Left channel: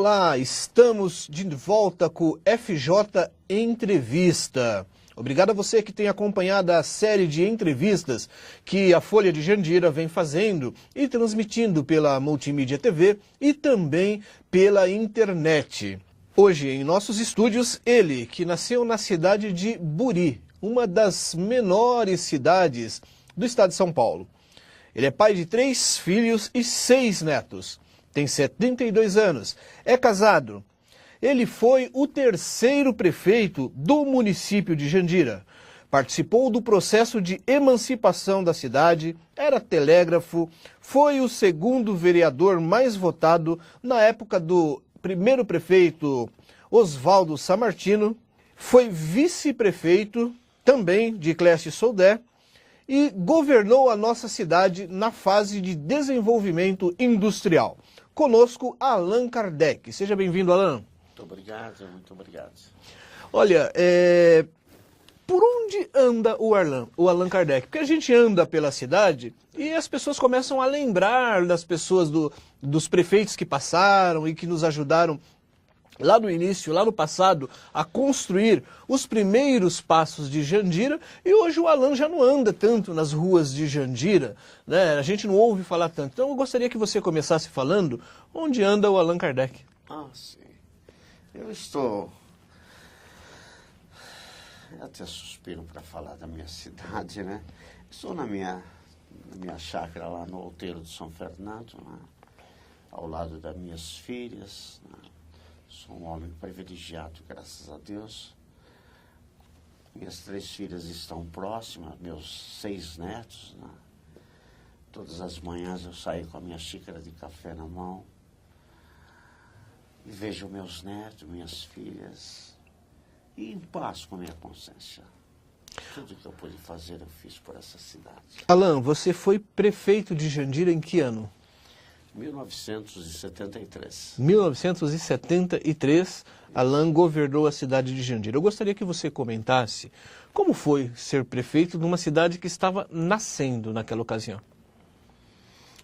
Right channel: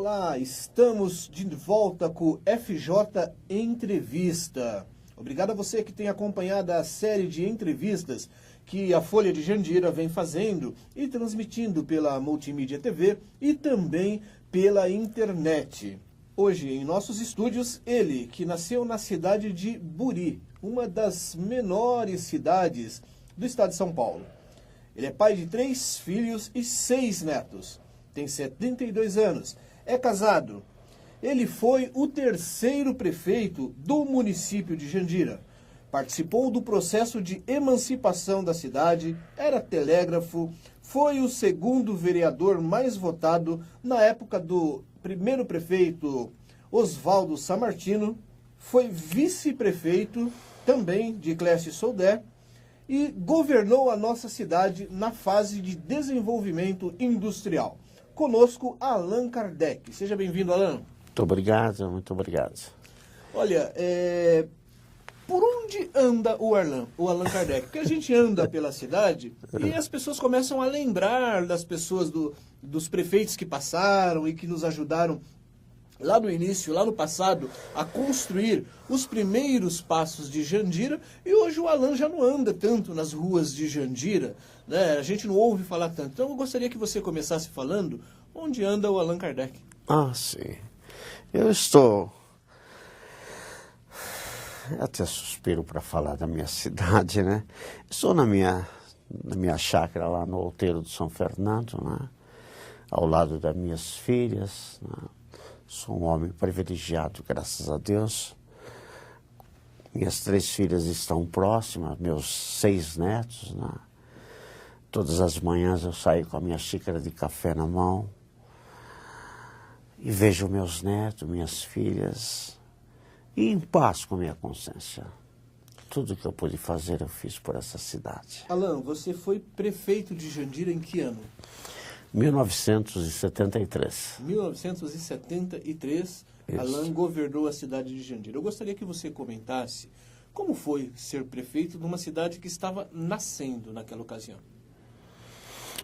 Olá, estamos de volta com o FJ Entrevista. Obrigado a você que tem acompanhado a série de entrevistas que a Folha de Jandira vem fazendo e transmitindo pela Multimídia TV e também pela internet. Hoje, em nossos estúdios, ele, que nasceu na cidade de Buri, uma das menores cidades do estado de São Paulo. Ele é pai de 3 filhos e 6 netos. Tem 72 anos, é casado. Ele foi o 3º prefeito do município de Jandira. Participou do processo de emancipação da cidade, era telégrafo, foi o 2º vereador mais votado na época do 1º prefeito Oswaldo Sammartino, foi vice-prefeito também de Clécio Soldé e governou a nossa cidade na fase de desenvolvimento industrial. Conosco, Allan Kardec. Seja bem-vindo, Allan. Muito obrigado, muito obrigado. Olha, por onde anda o Allan Kardec? Porque a gente anda pela cidade e as pessoas começam a lembrar das pessoas, dos prefeitos que passaram e que nos ajudaram lá no início, lá no passado, a construir os primeiros passos de Jandira, e hoje o Allan já não anda tanto nas ruas de Jandira, né? A gente não ouve falar tanto. Então eu gostaria que você começasse falando onde anda o Allan Kardec. Ah, sim. Eu estou... Eu até suspiro para falar da minha cidade, né? Estou na minha chácara lá no Outeiro de São Fernando, né? Ao lado das minhas filhas, né? Sou um homem privilegiado, graças a Deus. Minhas 3 filhas estão próximas, meus 6 netos, né? Todas as manhãs eu saio com a minha xícara de café na mão e vejo meus netos, minhas filhas, e em paz com minha consciência. Tudo que eu pude fazer eu fiz por essa cidade. Allan, você foi prefeito de Jandira em que ano? 1973. 1973, Isso. Allan governou a cidade de Jandira. Eu gostaria que você comentasse como foi ser prefeito de uma cidade que estava nascendo naquela ocasião.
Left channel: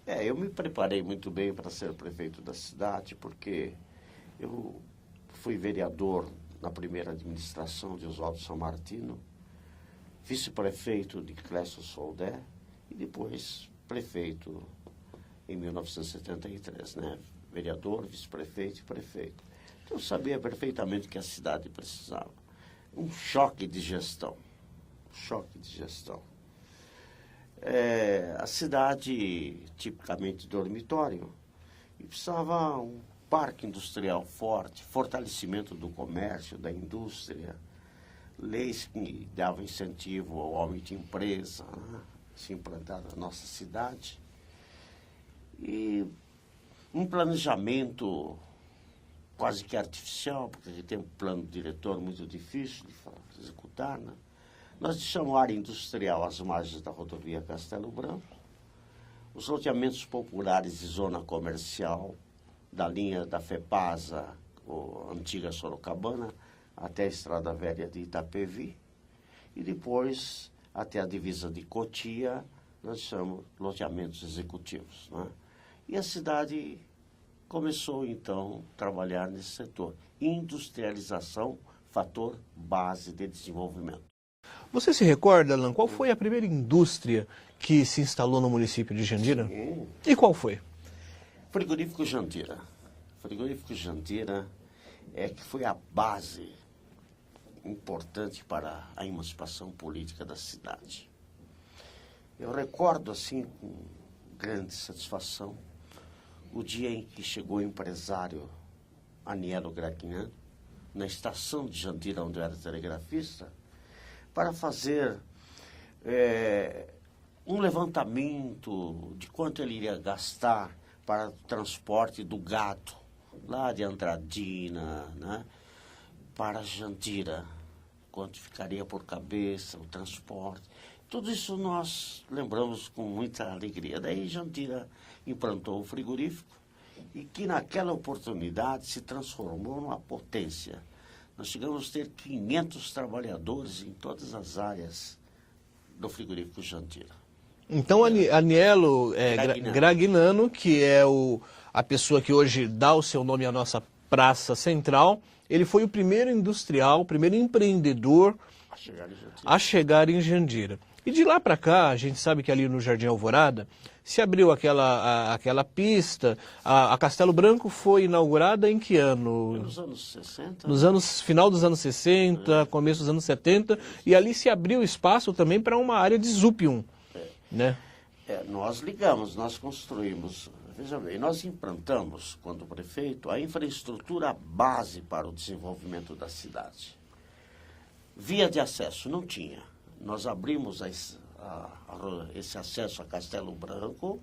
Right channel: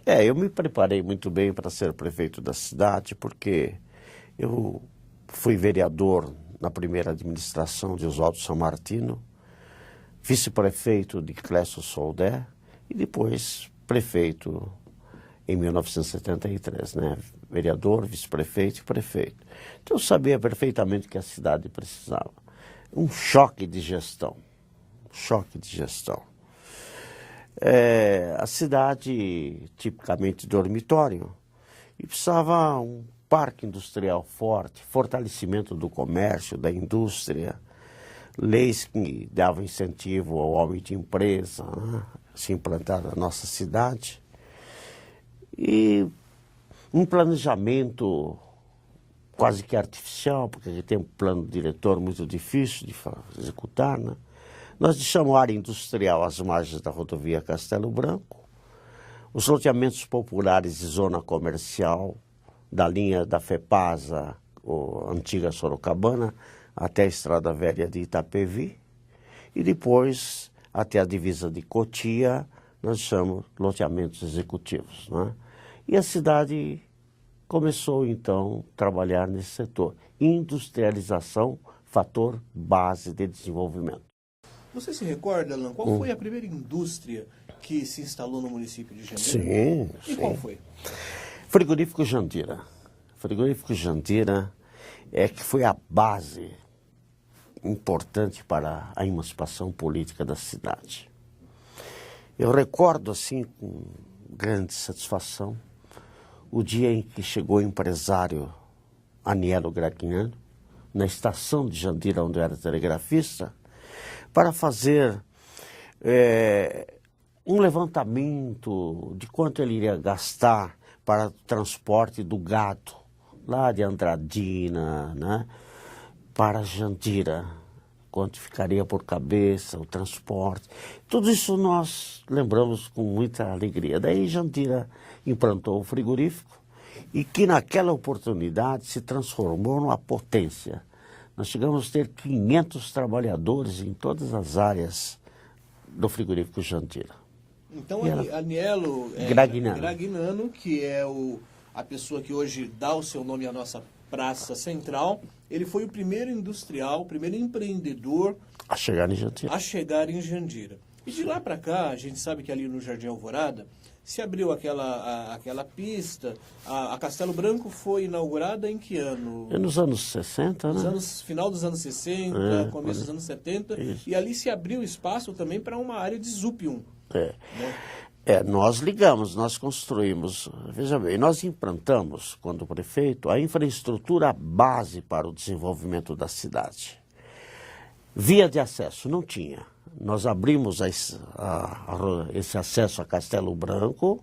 Eu me preparei muito bem para ser prefeito da cidade, porque eu fui vereador na primeira administração de Oswaldo Sammartino, vice-prefeito de Clécio Soldé e depois prefeito em 1973, né? Vereador, vice-prefeito e prefeito. Então eu sabia perfeitamente que a cidade precisava. Um choque de gestão. Choque de gestão. A cidade, tipicamente dormitório, e precisava um parque industrial forte, fortalecimento do comércio, da indústria, leis que davam incentivo ao homem de empresa, né? Se implantar na nossa cidade. E um planejamento quase que artificial, porque a gente tem um plano diretor muito difícil de executar, né? Nós deixamos a área industrial às margens da rodovia Castelo Branco, os loteamentos populares de zona comercial, da linha da FEPASA, antiga Sorocabana, até a Estrada Velha de Itapevi, e depois até a divisa de Cotia, nós chamamos loteamentos executivos, né? E a cidade começou, então, a trabalhar nesse setor. Industrialização, fator base de desenvolvimento. Você se recorda, Allan, qual foi a primeira indústria que se instalou no município de Jandira? Sim. E qual foi? Frigorífico Jandira. Frigorífico Jandira que foi a base importante para a emancipação política da cidade. Eu recordo, assim, com grande satisfação, o dia em que chegou o empresário Anielo Gragnano, na estação de Jandira, onde eu era telegrafista, para fazer um levantamento de quanto ele iria gastar para o transporte do gado, lá de Andradina, né, para Jandira, quanto ficaria por cabeça, o transporte. Tudo isso nós lembramos com muita alegria. Daí Jandira implantou o frigorífico e que naquela oportunidade se transformou numa potência. Nós chegamos a ter 500 trabalhadores em todas as áreas do frigorífico Jandira. Então, Anielo Gragnano, que é a pessoa que hoje dá o seu nome à nossa praça central. Ele foi o primeiro industrial, o primeiro empreendedor A chegar em Jandira. a chegar em Jandira. E de lá para cá, a gente sabe que ali no Jardim Alvorada se abriu aquela pista. A Castelo Branco foi inaugurada em que ano? Nos anos 60. Nos né? anos, final dos anos 60, começo dos anos 70. E ali se abriu espaço também para uma área de Zúpium. Né? Nós ligamos, nós construímos, veja bem, nós implantamos, quando prefeito, a infraestrutura base para o desenvolvimento da cidade. Via de acesso, não tinha. Nós abrimos esse acesso a Castelo Branco,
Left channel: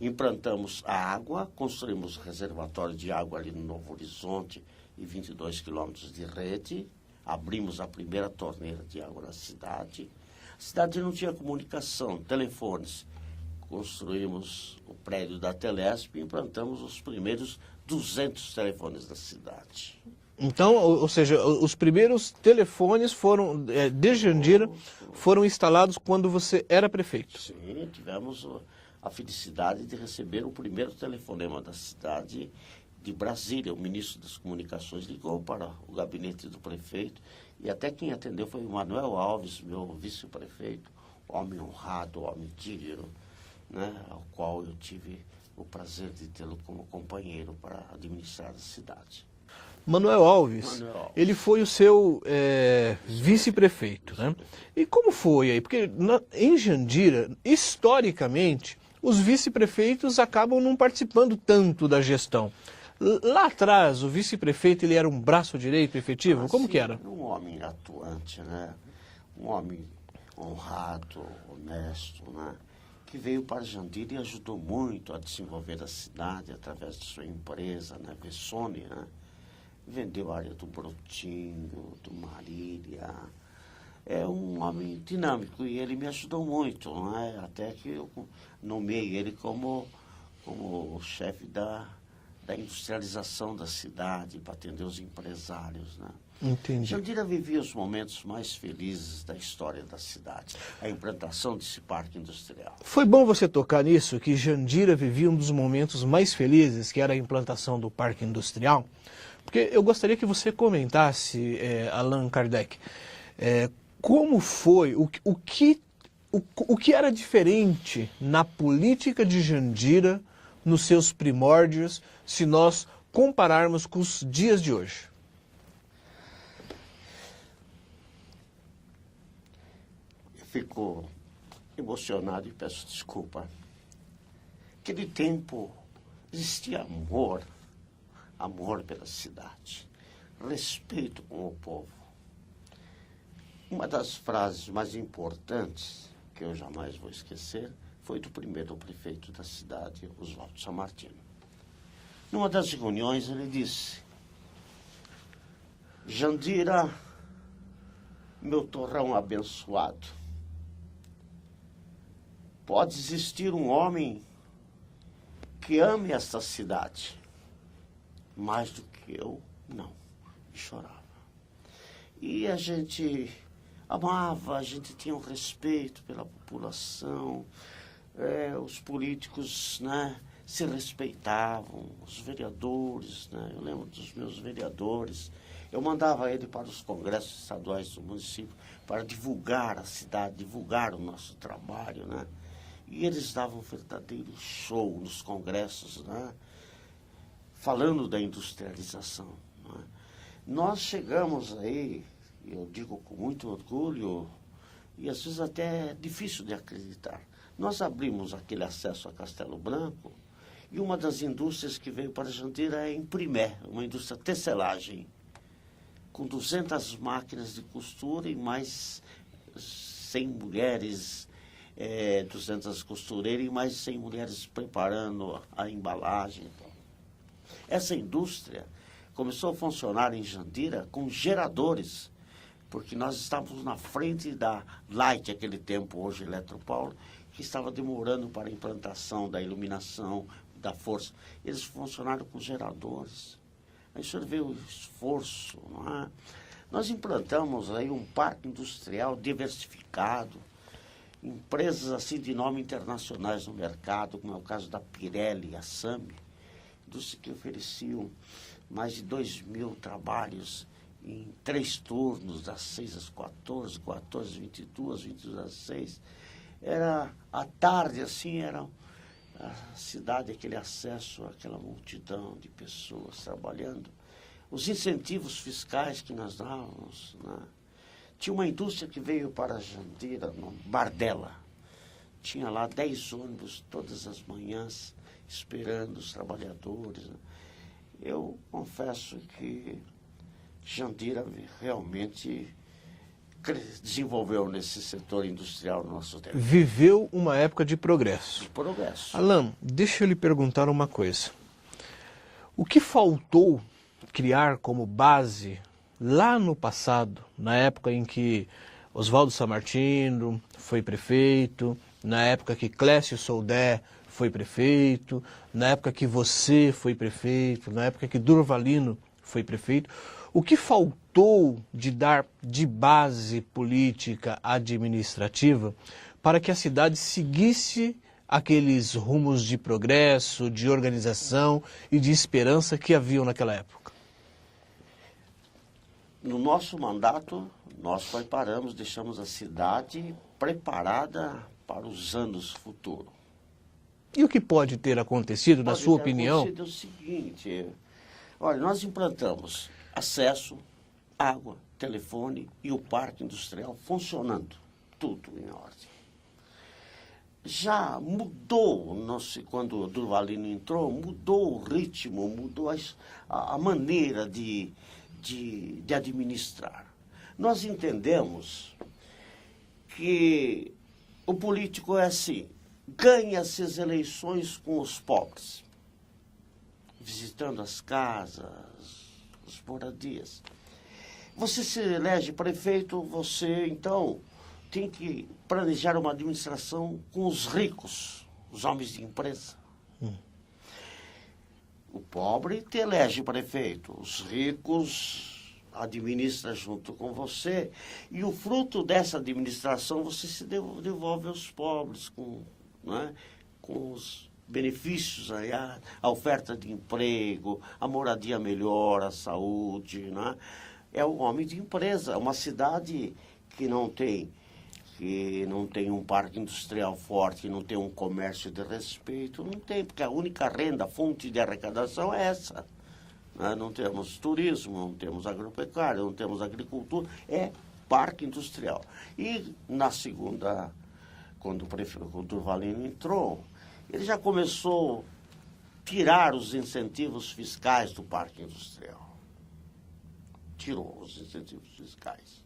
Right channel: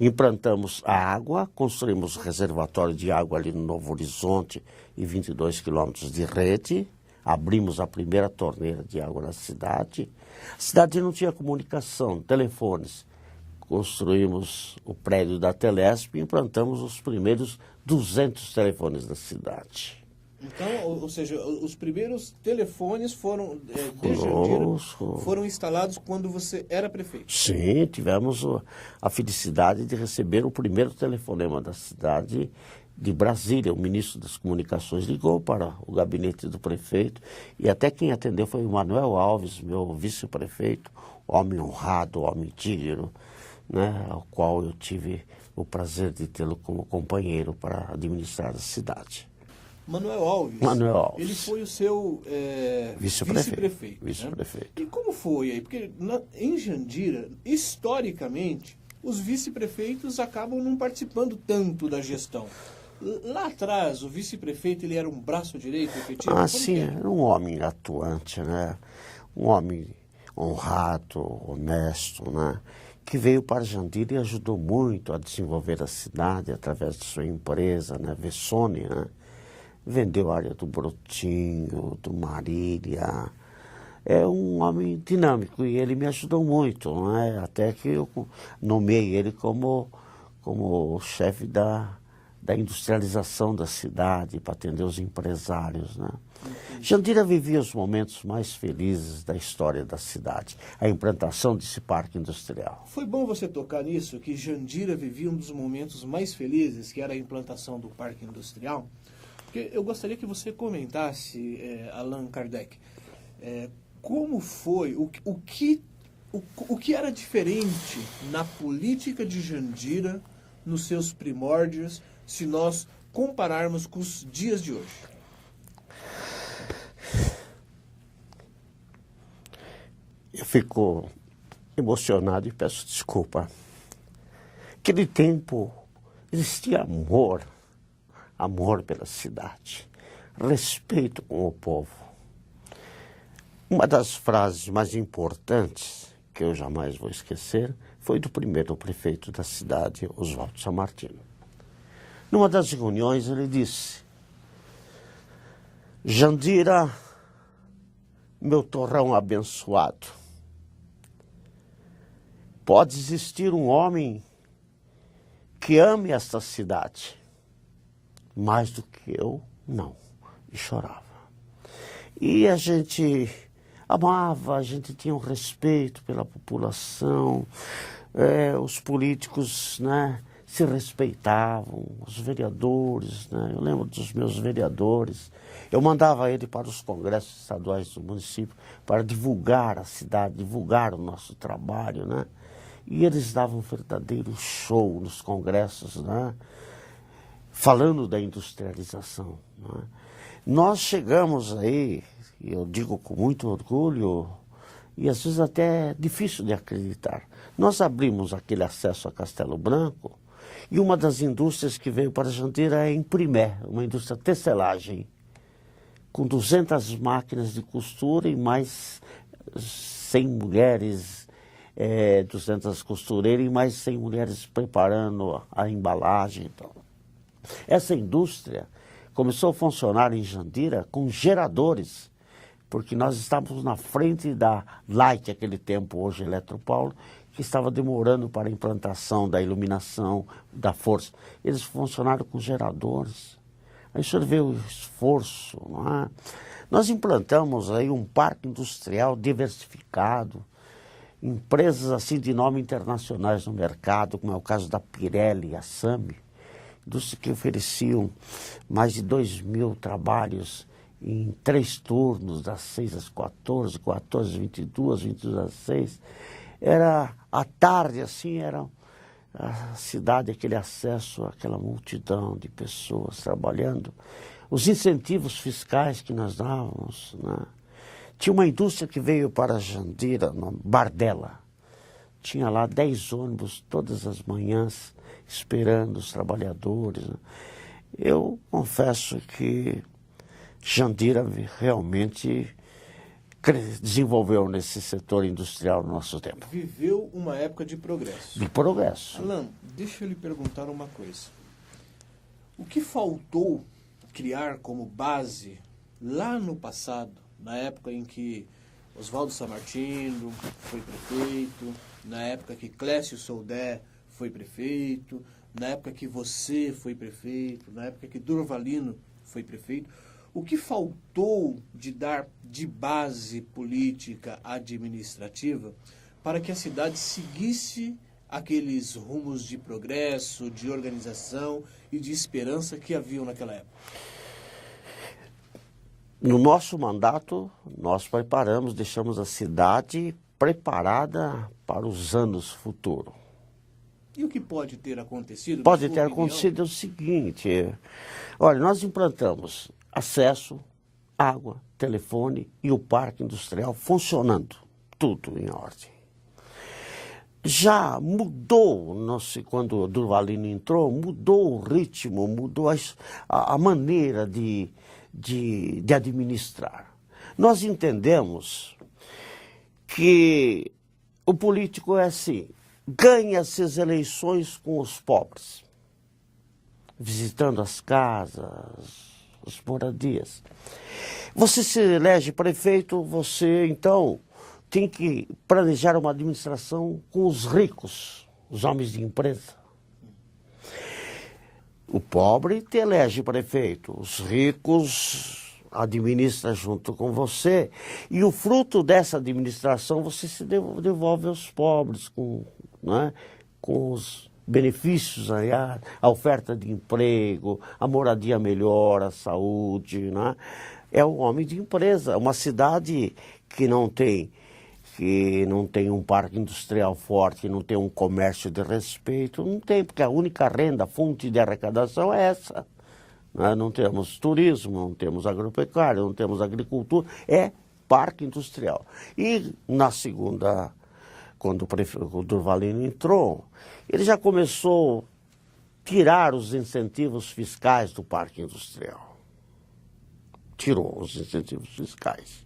implantamos a água, construímos reservatório de água ali no Novo Horizonte e 22 quilômetros de rede, abrimos a primeira torneira de água na cidade. A cidade não tinha comunicação, telefones. Construímos o prédio da Telesp e implantamos os primeiros 200 telefones da cidade. Então, ou seja, os primeiros telefones foram, de Jandira, foram instalados quando você era prefeito. Sim, tivemos a felicidade de receber o primeiro telefonema da cidade de Brasília. O ministro das Comunicações ligou para o gabinete do prefeito e até quem atendeu foi o Manuel Alves, meu vice-prefeito, homem honrado, homem digno, né, ao qual eu tive o prazer de tê-lo como companheiro para administrar a cidade. Manuel Alves, ele foi o seu vice-prefeito. Né? E como foi aí? Porque em Jandira, historicamente, os vice-prefeitos acabam não participando tanto da gestão. Lá atrás, o vice-prefeito ele era um braço direito efetivo? Como sim, que era? Era um homem atuante, né? Um homem honrado, honesto, né? Que veio para Jandira e ajudou muito a desenvolver a cidade através de sua empresa, né? Vessone, né? Vendeu a área do Brotinho, do Marília. É um homem dinâmico e ele me ajudou muito, né? Até que eu nomeei ele como chefe da industrialização da cidade, para atender os empresários, né? Entendi. Jandira vivia os momentos mais felizes da história da cidade, a implantação desse parque industrial. Foi bom você tocar nisso, que Jandira vivia um dos momentos mais felizes, que era a implantação do parque industrial. Porque eu gostaria que você comentasse, Allan Kardec, como foi, o que era diferente na política de Jandira, nos seus primórdios, se nós compararmos com os dias de hoje? Eu fico emocionado e peço desculpa. Naquele tempo existia amor pela cidade, respeito com o povo. Uma das frases mais importantes, que eu jamais vou esquecer, foi do primeiro prefeito da cidade, Oswaldo Sammartino. Numa das reuniões ele disse: Jandira, meu torrão abençoado, pode existir um homem que ame esta cidade, mais do que eu, não. E chorava. E a gente amava, a gente tinha um respeito pela população, os políticos, né, se respeitavam, os vereadores, né, eu lembro dos meus vereadores, eu mandava ele para os congressos estaduais do município para divulgar a cidade, divulgar o nosso trabalho, né, e eles davam um verdadeiro show nos congressos, né, falando da industrialização. Né? Nós chegamos aí, eu digo com muito orgulho, e às vezes até é difícil de acreditar, nós abrimos aquele acesso a Castelo Branco, e uma das indústrias que veio para Jandira é a Imprimé, uma indústria de tecelagem, com 200 máquinas de costura e mais 100 mulheres, 200 costureiras e mais 100 mulheres preparando a embalagem. Então, essa indústria começou a funcionar em Jandira com geradores, porque nós estávamos na frente da Light, aquele tempo, hoje Eletropaulo, que estava demorando para a implantação da iluminação, da força. Eles funcionaram com geradores. Aí o senhor vê o esforço, não é? Nós implantamos aí um parque industrial diversificado, empresas assim de nome internacionais no mercado, como é o caso da Pirelli e a Sami, indústria que ofereciam mais de 2.000 trabalhos em 3 turnos, das 6 às 14, 14 às 22, 22 às 6. Era à tarde, assim, era a cidade, aquele acesso àquela multidão de pessoas trabalhando. Os incentivos fiscais que nós dávamos, né? Tinha uma indústria que veio para Jandira, no Bardella. Tinha lá 10 ônibus todas as manhãs esperando os trabalhadores, né? Eu confesso que Jandira realmente desenvolveu nesse setor industrial no nosso tempo. Viveu uma época de progresso. De progresso. Alan, deixa eu lhe perguntar uma coisa. O que faltou criar como base lá no passado, na época em que Oswaldo Sammartino foi prefeito, na época que Clécio Soldé foi prefeito, na época que você foi prefeito, na época que Durvalino foi prefeito? O que faltou de dar de base política administrativa para que a cidade seguisse aqueles rumos de progresso, de organização e de esperança que haviam naquela época? No nosso mandato, nós preparamos, deixamos a cidade preparada para os anos futuros. E o que pode ter acontecido, Pode na sua ter opinião? acontecido o seguinte, olha, nós implantamos acesso, água, telefone e o parque industrial funcionando, tudo em ordem. Já mudou, não sei, quando o Durvalino entrou, mudou o ritmo, mudou a maneira de administrar. Nós entendemos que o político é assim, ganha-se as eleições com os pobres, visitando as casas, as moradias. Você se elege prefeito, você então tem que planejar uma administração com os ricos, os homens de empresa. O pobre te elege prefeito, os ricos administram junto com você, e o fruto dessa administração você se devolve aos pobres, né, com os benefícios, a oferta de emprego, a moradia melhor, a saúde, né? É o homem de empresa. Uma cidade que não tem um parque industrial forte, não tem um comércio de respeito, não tem, porque a única renda, fonte de arrecadação é essa. Né? Não temos turismo, não temos agropecuária, não temos agricultura, é parque industrial. E na segunda, quando o Durvalino entrou, ele já começou a tirar os incentivos fiscais do parque industrial. Tirou os incentivos fiscais.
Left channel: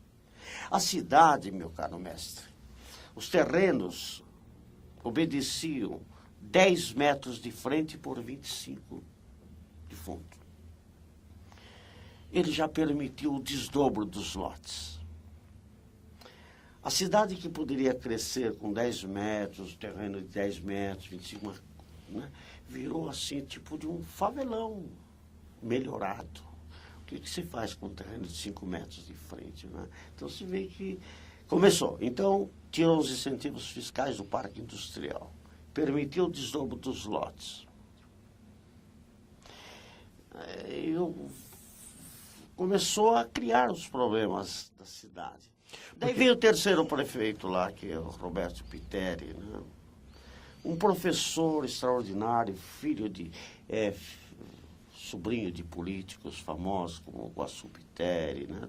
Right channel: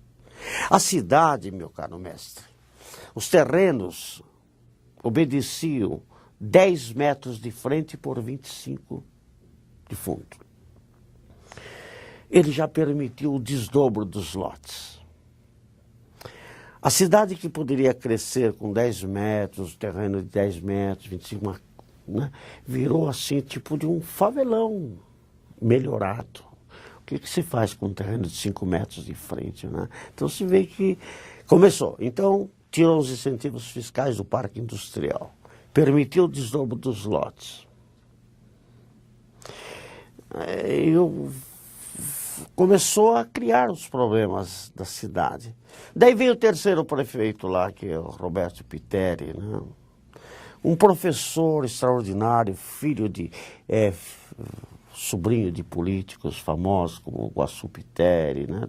A cidade, meu caro mestre, os terrenos obedeciam 10 metros de frente por 25 de fundo. Ele já permitiu o desdobro dos lotes. A cidade que poderia crescer com 10 metros, terreno de 10 metros, 25, né, virou assim, tipo de um favelão melhorado. O que se faz com um terreno de 5 metros de frente, né? Então se vê que começou. Então tirou os incentivos fiscais do parque industrial, permitiu o desdobro dos lotes. Começou a criar os problemas da cidade. Daí veio o terceiro prefeito lá, que é o Roberto Piteri, né? Um professor extraordinário, filho de... sobrinho de políticos famosos, como o Guaçu Piteri, né?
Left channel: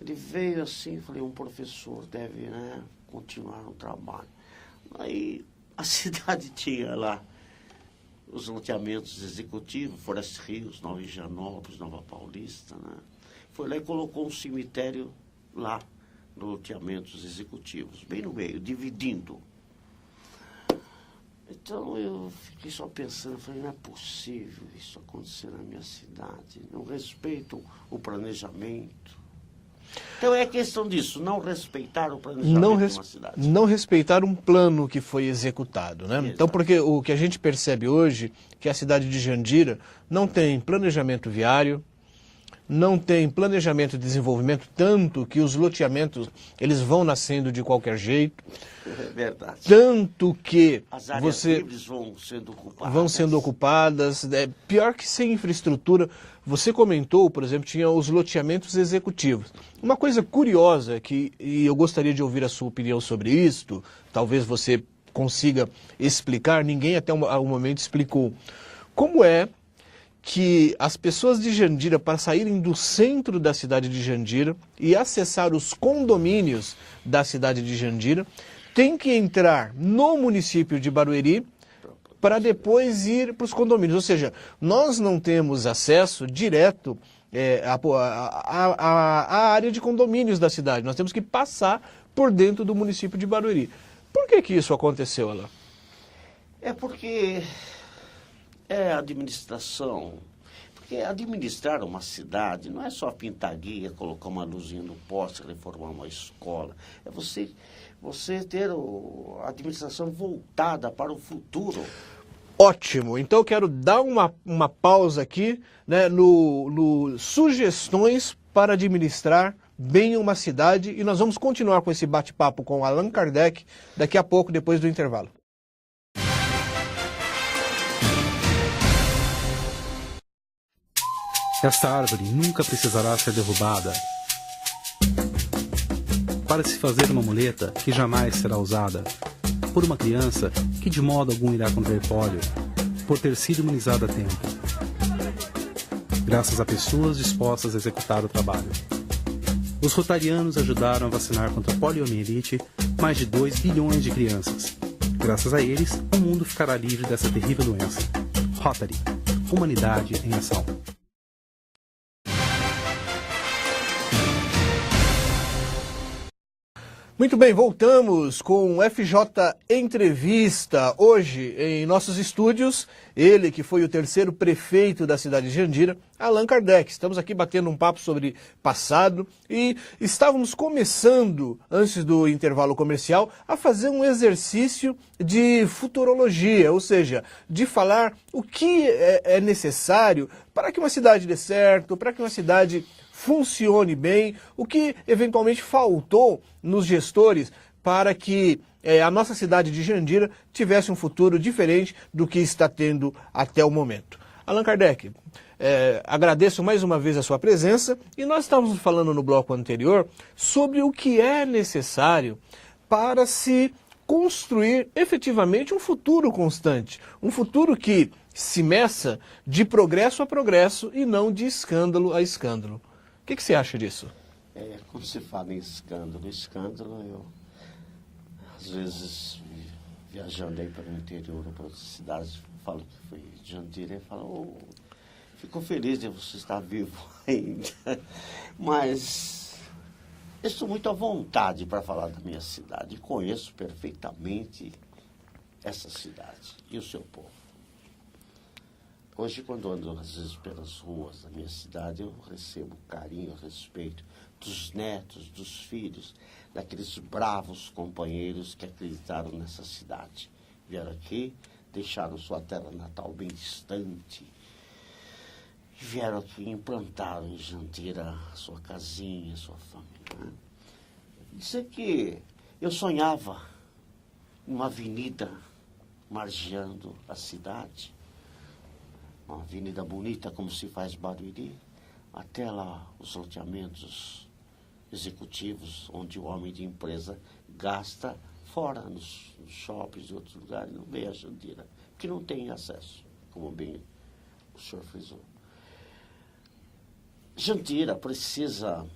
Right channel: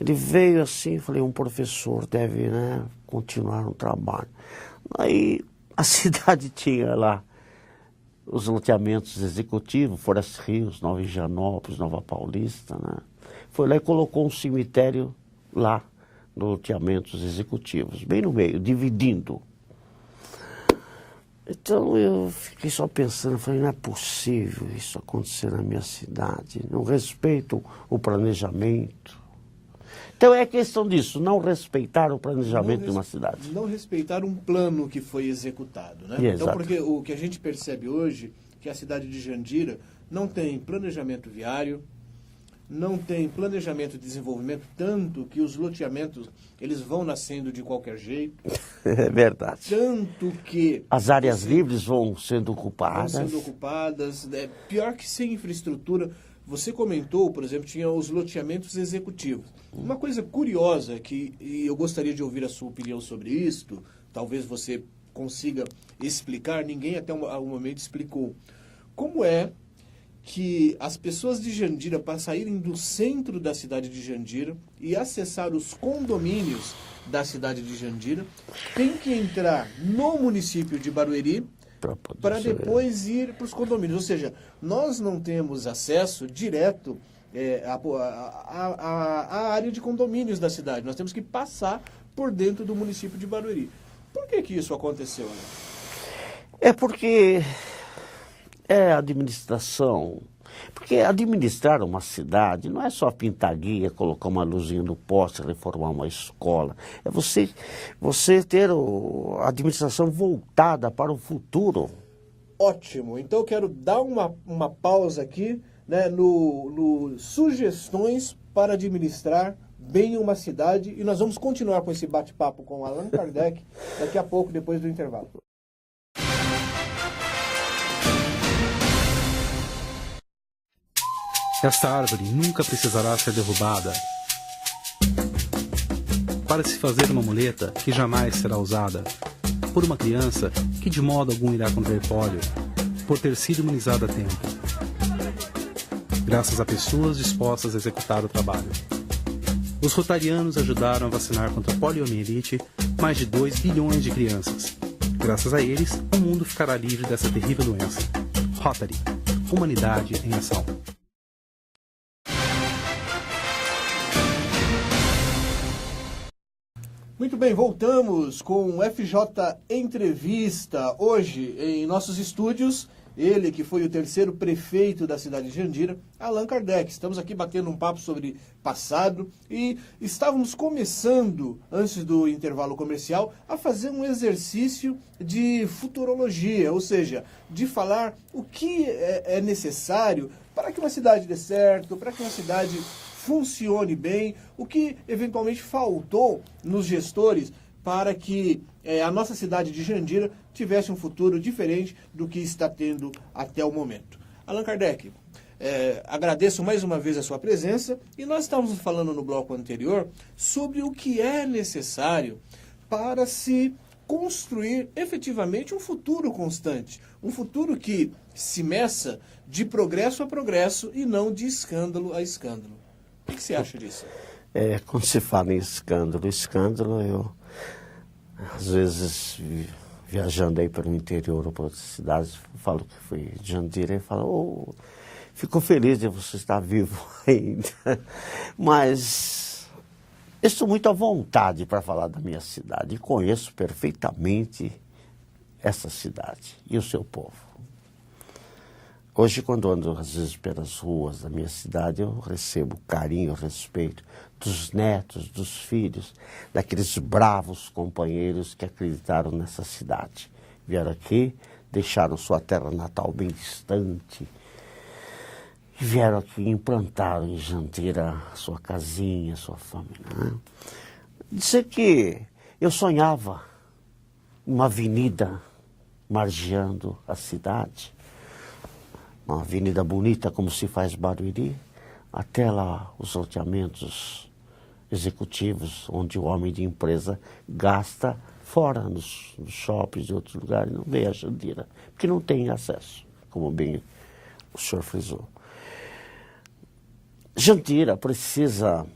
Ele veio assim, falei, um professor deve, né, continuar no trabalho. Aí a cidade tinha lá os loteamentos executivos, Forest Hills, Nova Higienópolis, Nova Paulista, né? Foi lá e colocou um cemitério lá, nos loteamentos executivos, bem no meio, dividindo. Então eu fiquei só pensando, falei, não é possível isso acontecer na minha cidade, não respeitam o planejamento. Então é questão disso, não respeitar o planejamento de uma cidade. Não respeitar um plano que foi executado, né? Então, porque o que a gente percebe hoje, que a cidade de Jandira não tem planejamento viário, não tem planejamento de desenvolvimento, tanto que os loteamentos eles vão nascendo de qualquer jeito. É verdade. Tanto que as áreas livres vão sendo ocupadas. Vão sendo ocupadas. É pior que sem infraestrutura. Você comentou, por exemplo, tinha os loteamentos executivos. Uma coisa curiosa e eu gostaria de ouvir a sua opinião sobre isto, talvez você consiga explicar, ninguém até o momento explicou. Como é que as pessoas de Jandira, para saírem do centro da cidade de Jandira e acessar os condomínios da cidade de Jandira, têm que entrar no município de Barueri para depois ir para os condomínios? Ou seja, nós não temos acesso direto à área de condomínios da cidade. Nós temos que passar por dentro do município de Barueri. Por que isso aconteceu, Alain? É porque a administração. Porque administrar uma cidade não é só pintar guia, colocar uma luzinha no poste, reformar uma escola. É você ter a administração voltada para o futuro. Ótimo. Então eu quero dar uma pausa aqui, né, no sugestões para administrar bem uma cidade, e nós vamos continuar com esse bate-papo com Allan Kardec daqui a pouco, depois do intervalo. Esta árvore nunca precisará ser derrubada para se fazer uma muleta que jamais será usada por uma criança que de modo algum irá contrair pólio por ter sido imunizada a tempo, graças a pessoas dispostas a executar o trabalho. Os rotarianos ajudaram a vacinar contra a poliomielite mais de 2 bilhões de crianças. Graças a eles, o mundo ficará livre dessa terrível doença. Rotary, humanidade em ação. Muito bem, voltamos com o FJ Entrevista. Hoje, em nossos estúdios, ele que foi o terceiro prefeito da cidade de Jandira, Allan Kardec. Estamos aqui batendo um papo sobre passado e estávamos começando, antes do intervalo comercial, a fazer um exercício de futurologia, ou seja, de falar o que é necessário para que uma cidade dê certo, para que uma cidade funcione bem, o que eventualmente faltou nos gestores para que a nossa cidade de Jandira tivesse um futuro diferente do que está tendo até o momento. Allan Kardec, agradeço mais uma vez a sua presença e nós estávamos falando no bloco anterior sobre o que é necessário para se construir efetivamente um futuro constante, um futuro que se meça de progresso a progresso e não de escândalo a escândalo. O que você acha disso? Quando se fala em escândalo, eu, às vezes, viajando aí para o interior ou para outras cidades, falo que fui de Jandira e falo, fico feliz de você estar vivo ainda. Mas eu estou muito à vontade para falar da minha cidade e conheço perfeitamente essa cidade e o seu povo. Hoje, quando ando, às vezes, pelas ruas da minha cidade, eu recebo carinho, respeito dos netos, dos filhos, daqueles bravos companheiros que acreditaram nessa cidade. Vieram aqui, deixaram sua terra natal bem distante, e vieram aqui e implantaram em Jandira sua casinha, sua família. Né? Dizer que eu sonhava uma avenida margeando a cidade, uma avenida bonita como se faz Barueri, até lá os loteamentos executivos, onde o homem de empresa gasta fora nos shoppings e outros lugares, não vê a Jandira, porque não tem acesso, como bem o senhor frisou. Jandira precisa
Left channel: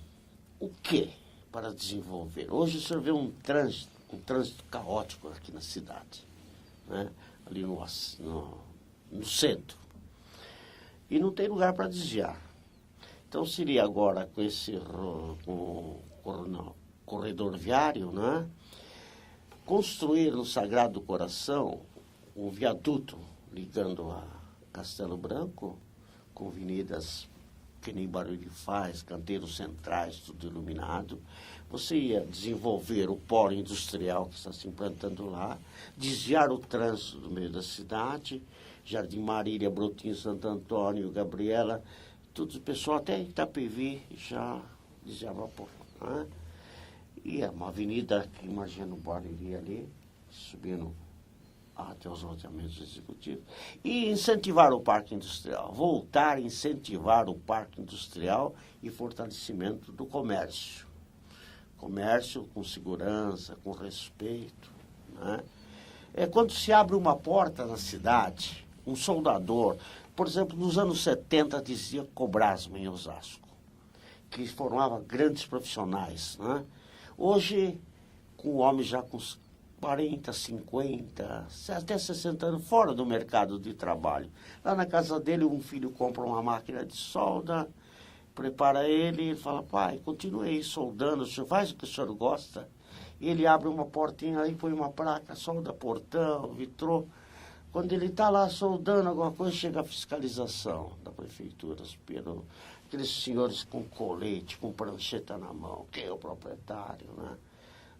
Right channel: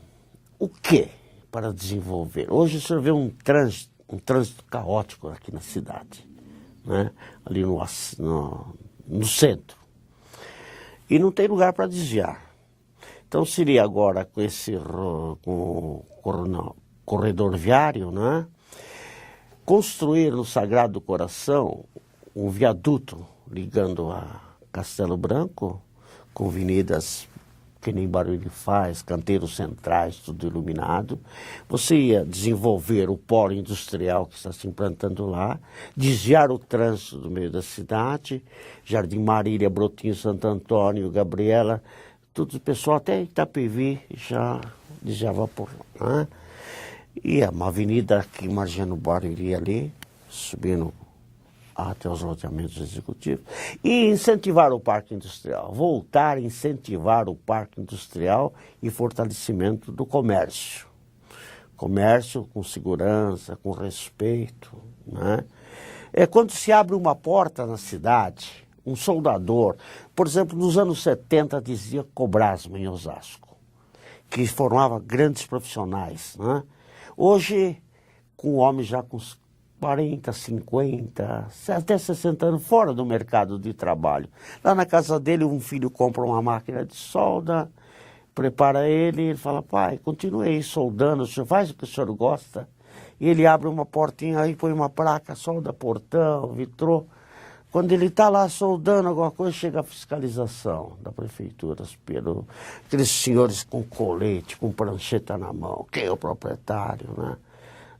o quê para desenvolver? Hoje o senhor vê um trânsito caótico aqui na cidade, né? Ali no centro. E não tem lugar para desviar. Então seria agora com esse corredor viário, né? Construir no Sagrado Coração um viaduto ligando a Castelo Branco com avenidas que nem Barueri faz, canteiros centrais, tudo iluminado. Você ia desenvolver o polo industrial que está se implantando lá, desviar o trânsito do meio da cidade, Jardim Marília, Brotinho, Santo Antônio, Gabriela, Todo o pessoal até Itapevi já evaporou, né? E é uma avenida que Margiano Barueri ali, subindo até os loteamentos executivos. E incentivar o parque industrial, voltar a incentivar o parque industrial e fortalecimento do comércio. Comércio com segurança, com respeito, né? Quando se abre uma porta na cidade, um soldador, por exemplo, nos anos 70 dizia Cobrasma em Osasco, que formava grandes profissionais, né? Hoje, com homens já com 40, 50, até 60 anos fora do mercado de trabalho. Lá na casa dele, um filho compra uma máquina de solda, prepara ele fala, pai, continue aí soldando, o senhor faz o que o senhor gosta. E ele abre uma portinha aí, põe uma placa, solda portão, vitrô. Quando ele está lá soldando alguma coisa, chega a fiscalização da prefeitura, aqueles senhores com colete, com prancheta na mão, quem é o proprietário, né?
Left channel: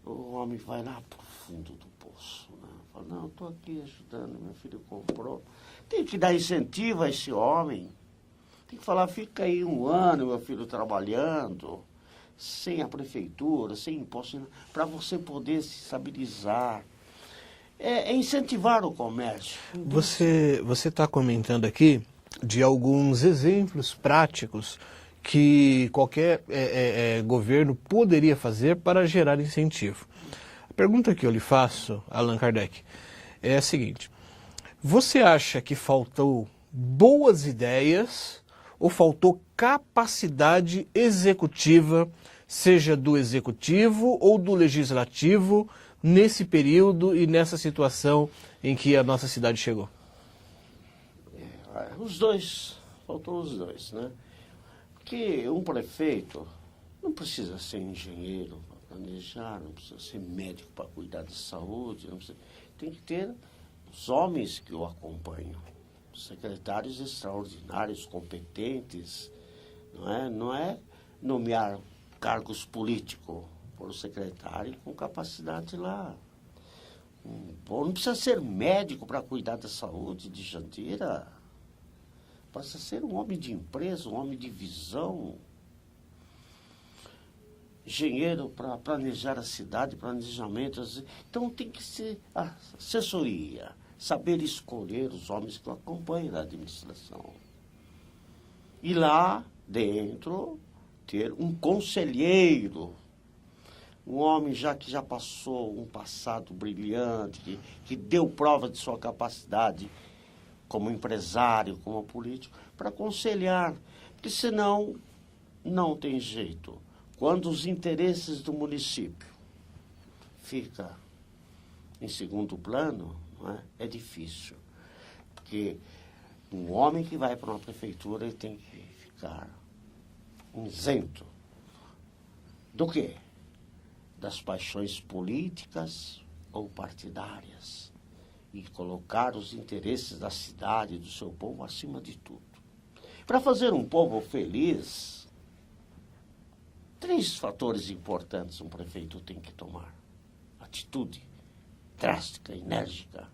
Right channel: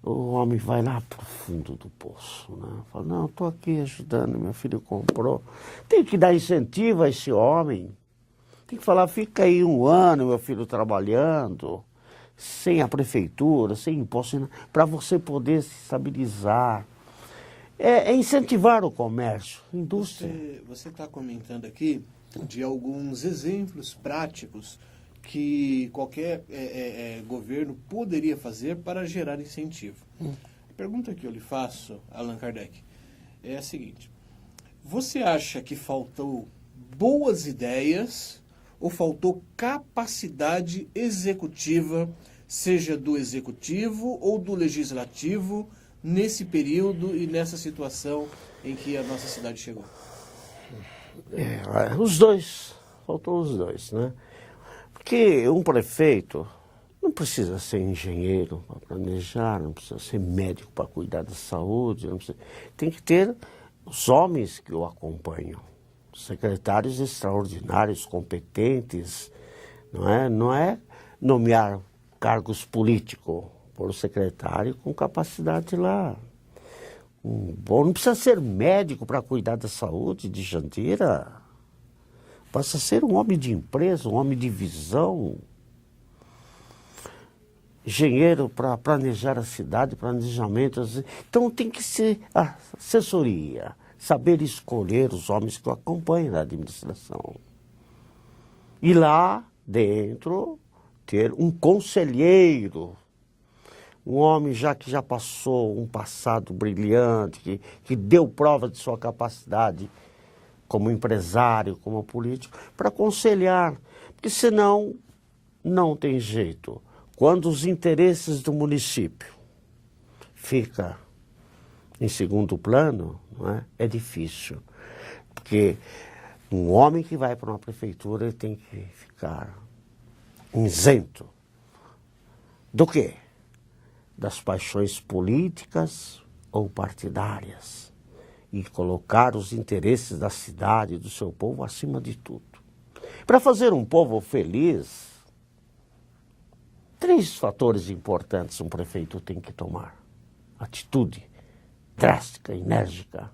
O homem vai lá pro fundo do poço, né? Fala, não, estou aqui ajudando, meu filho comprou. Tem que dar incentivo a esse homem. Tem que falar, fica aí 1 ano, meu filho, trabalhando, sem a prefeitura, sem imposto, para você poder se estabilizar. É incentivar o comércio. Você está comentando aqui de alguns exemplos práticos que qualquer governo poderia fazer para gerar incentivo. A pergunta que eu lhe faço, Allan Kardec, é a seguinte: você acha que faltou boas ideias ou faltou capacidade executiva, seja do executivo ou do legislativo, nesse período e nessa situação em que a nossa cidade chegou? Os dois, faltou os dois, né? Porque um prefeito não precisa ser engenheiro para planejar, não precisa ser médico para cuidar da saúde, tem que ter os homens que o acompanham, secretários extraordinários, competentes, não é nomear cargos políticos, por um secretário com capacidade lá. Não precisa ser médico para cuidar da saúde de Jandira. Basta ser um homem de empresa, um homem de visão. Engenheiro para planejar a cidade, planejamento. Então tem que ser assessoria, saber escolher os homens que o acompanham na administração. E lá dentro ter um conselheiro, um homem que já passou um passado brilhante, que deu prova de sua capacidade como empresário, como político, para aconselhar. Porque senão não tem jeito. Quando os interesses do município ficam em segundo plano, é difícil. Porque um homem que vai para uma prefeitura ele tem que ficar isento do quê? Das paixões políticas ou partidárias e colocar os interesses da cidade e do seu povo acima de tudo. Para fazer um povo feliz, 3 fatores importantes um prefeito tem que tomar. Atitude drástica, enérgica.